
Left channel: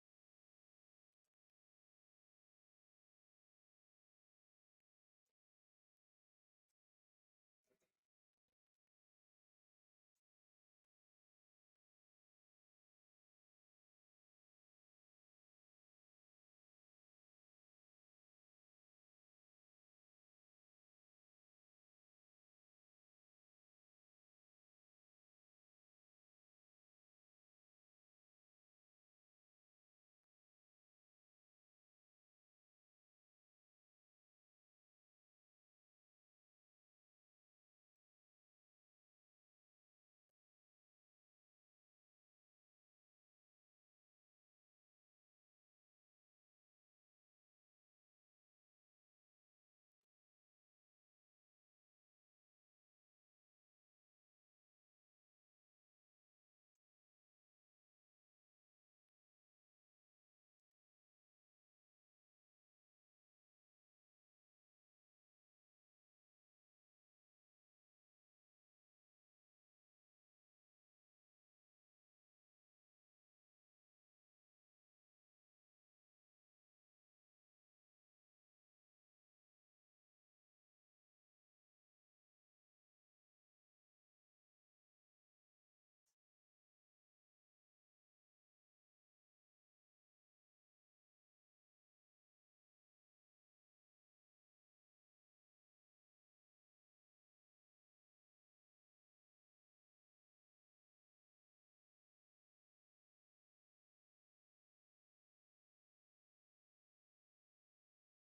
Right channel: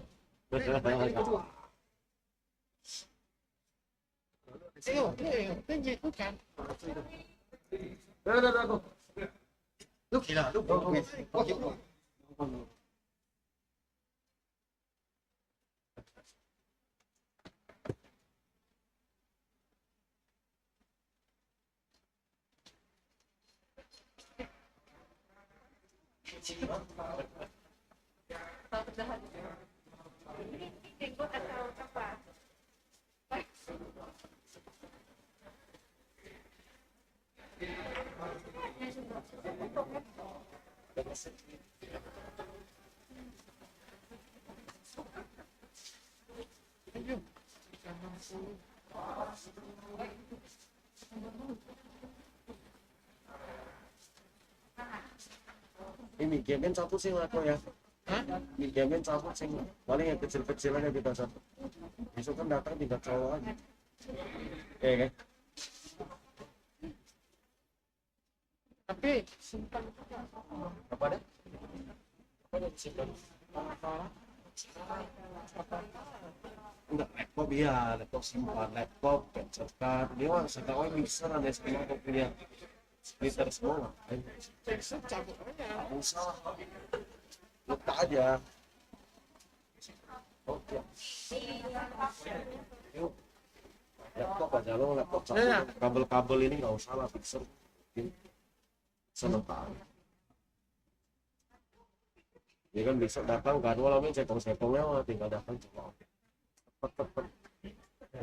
Tinggi itu kan. Ini gamen satu sih lah kok ya. Ini gamen satu sih. Paling yang kecil-kecil aja kita satu. Besok kan datang 3 cowok aja. Kan? Tapi simpan Apa deh? Apa yang disimpan? Enggak, laptop iya, laptop simpan, laptop, capture card. Dia mah sekarang mixer ada semua kok punya splitter semua. cabut aja. Nggak usah, letak aja. Oke. Yuk, laptop aja lo, laptop satu. Kabel-kabel ini nggak usah lah, mixer. Sementara. Ya kan besok datang kan walaupun setong-setongnya mah tinggal datang coba. Cepet.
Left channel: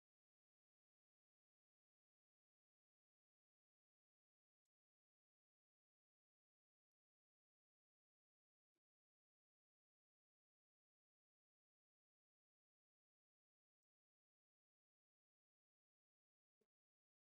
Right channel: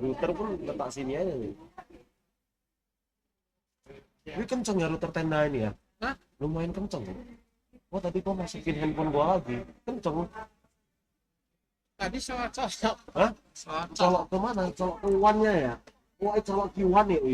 Router pun letak sini aja nih. Ini kenceng ya router tenda ini ya? Hah? Lumayan kenceng. Oh tadi kok masukin handphone gua lagi. Kenceng. Tadi colok. Hah? Colok kemana? Colok ke one-nya ya? Wah colok Q1 ya?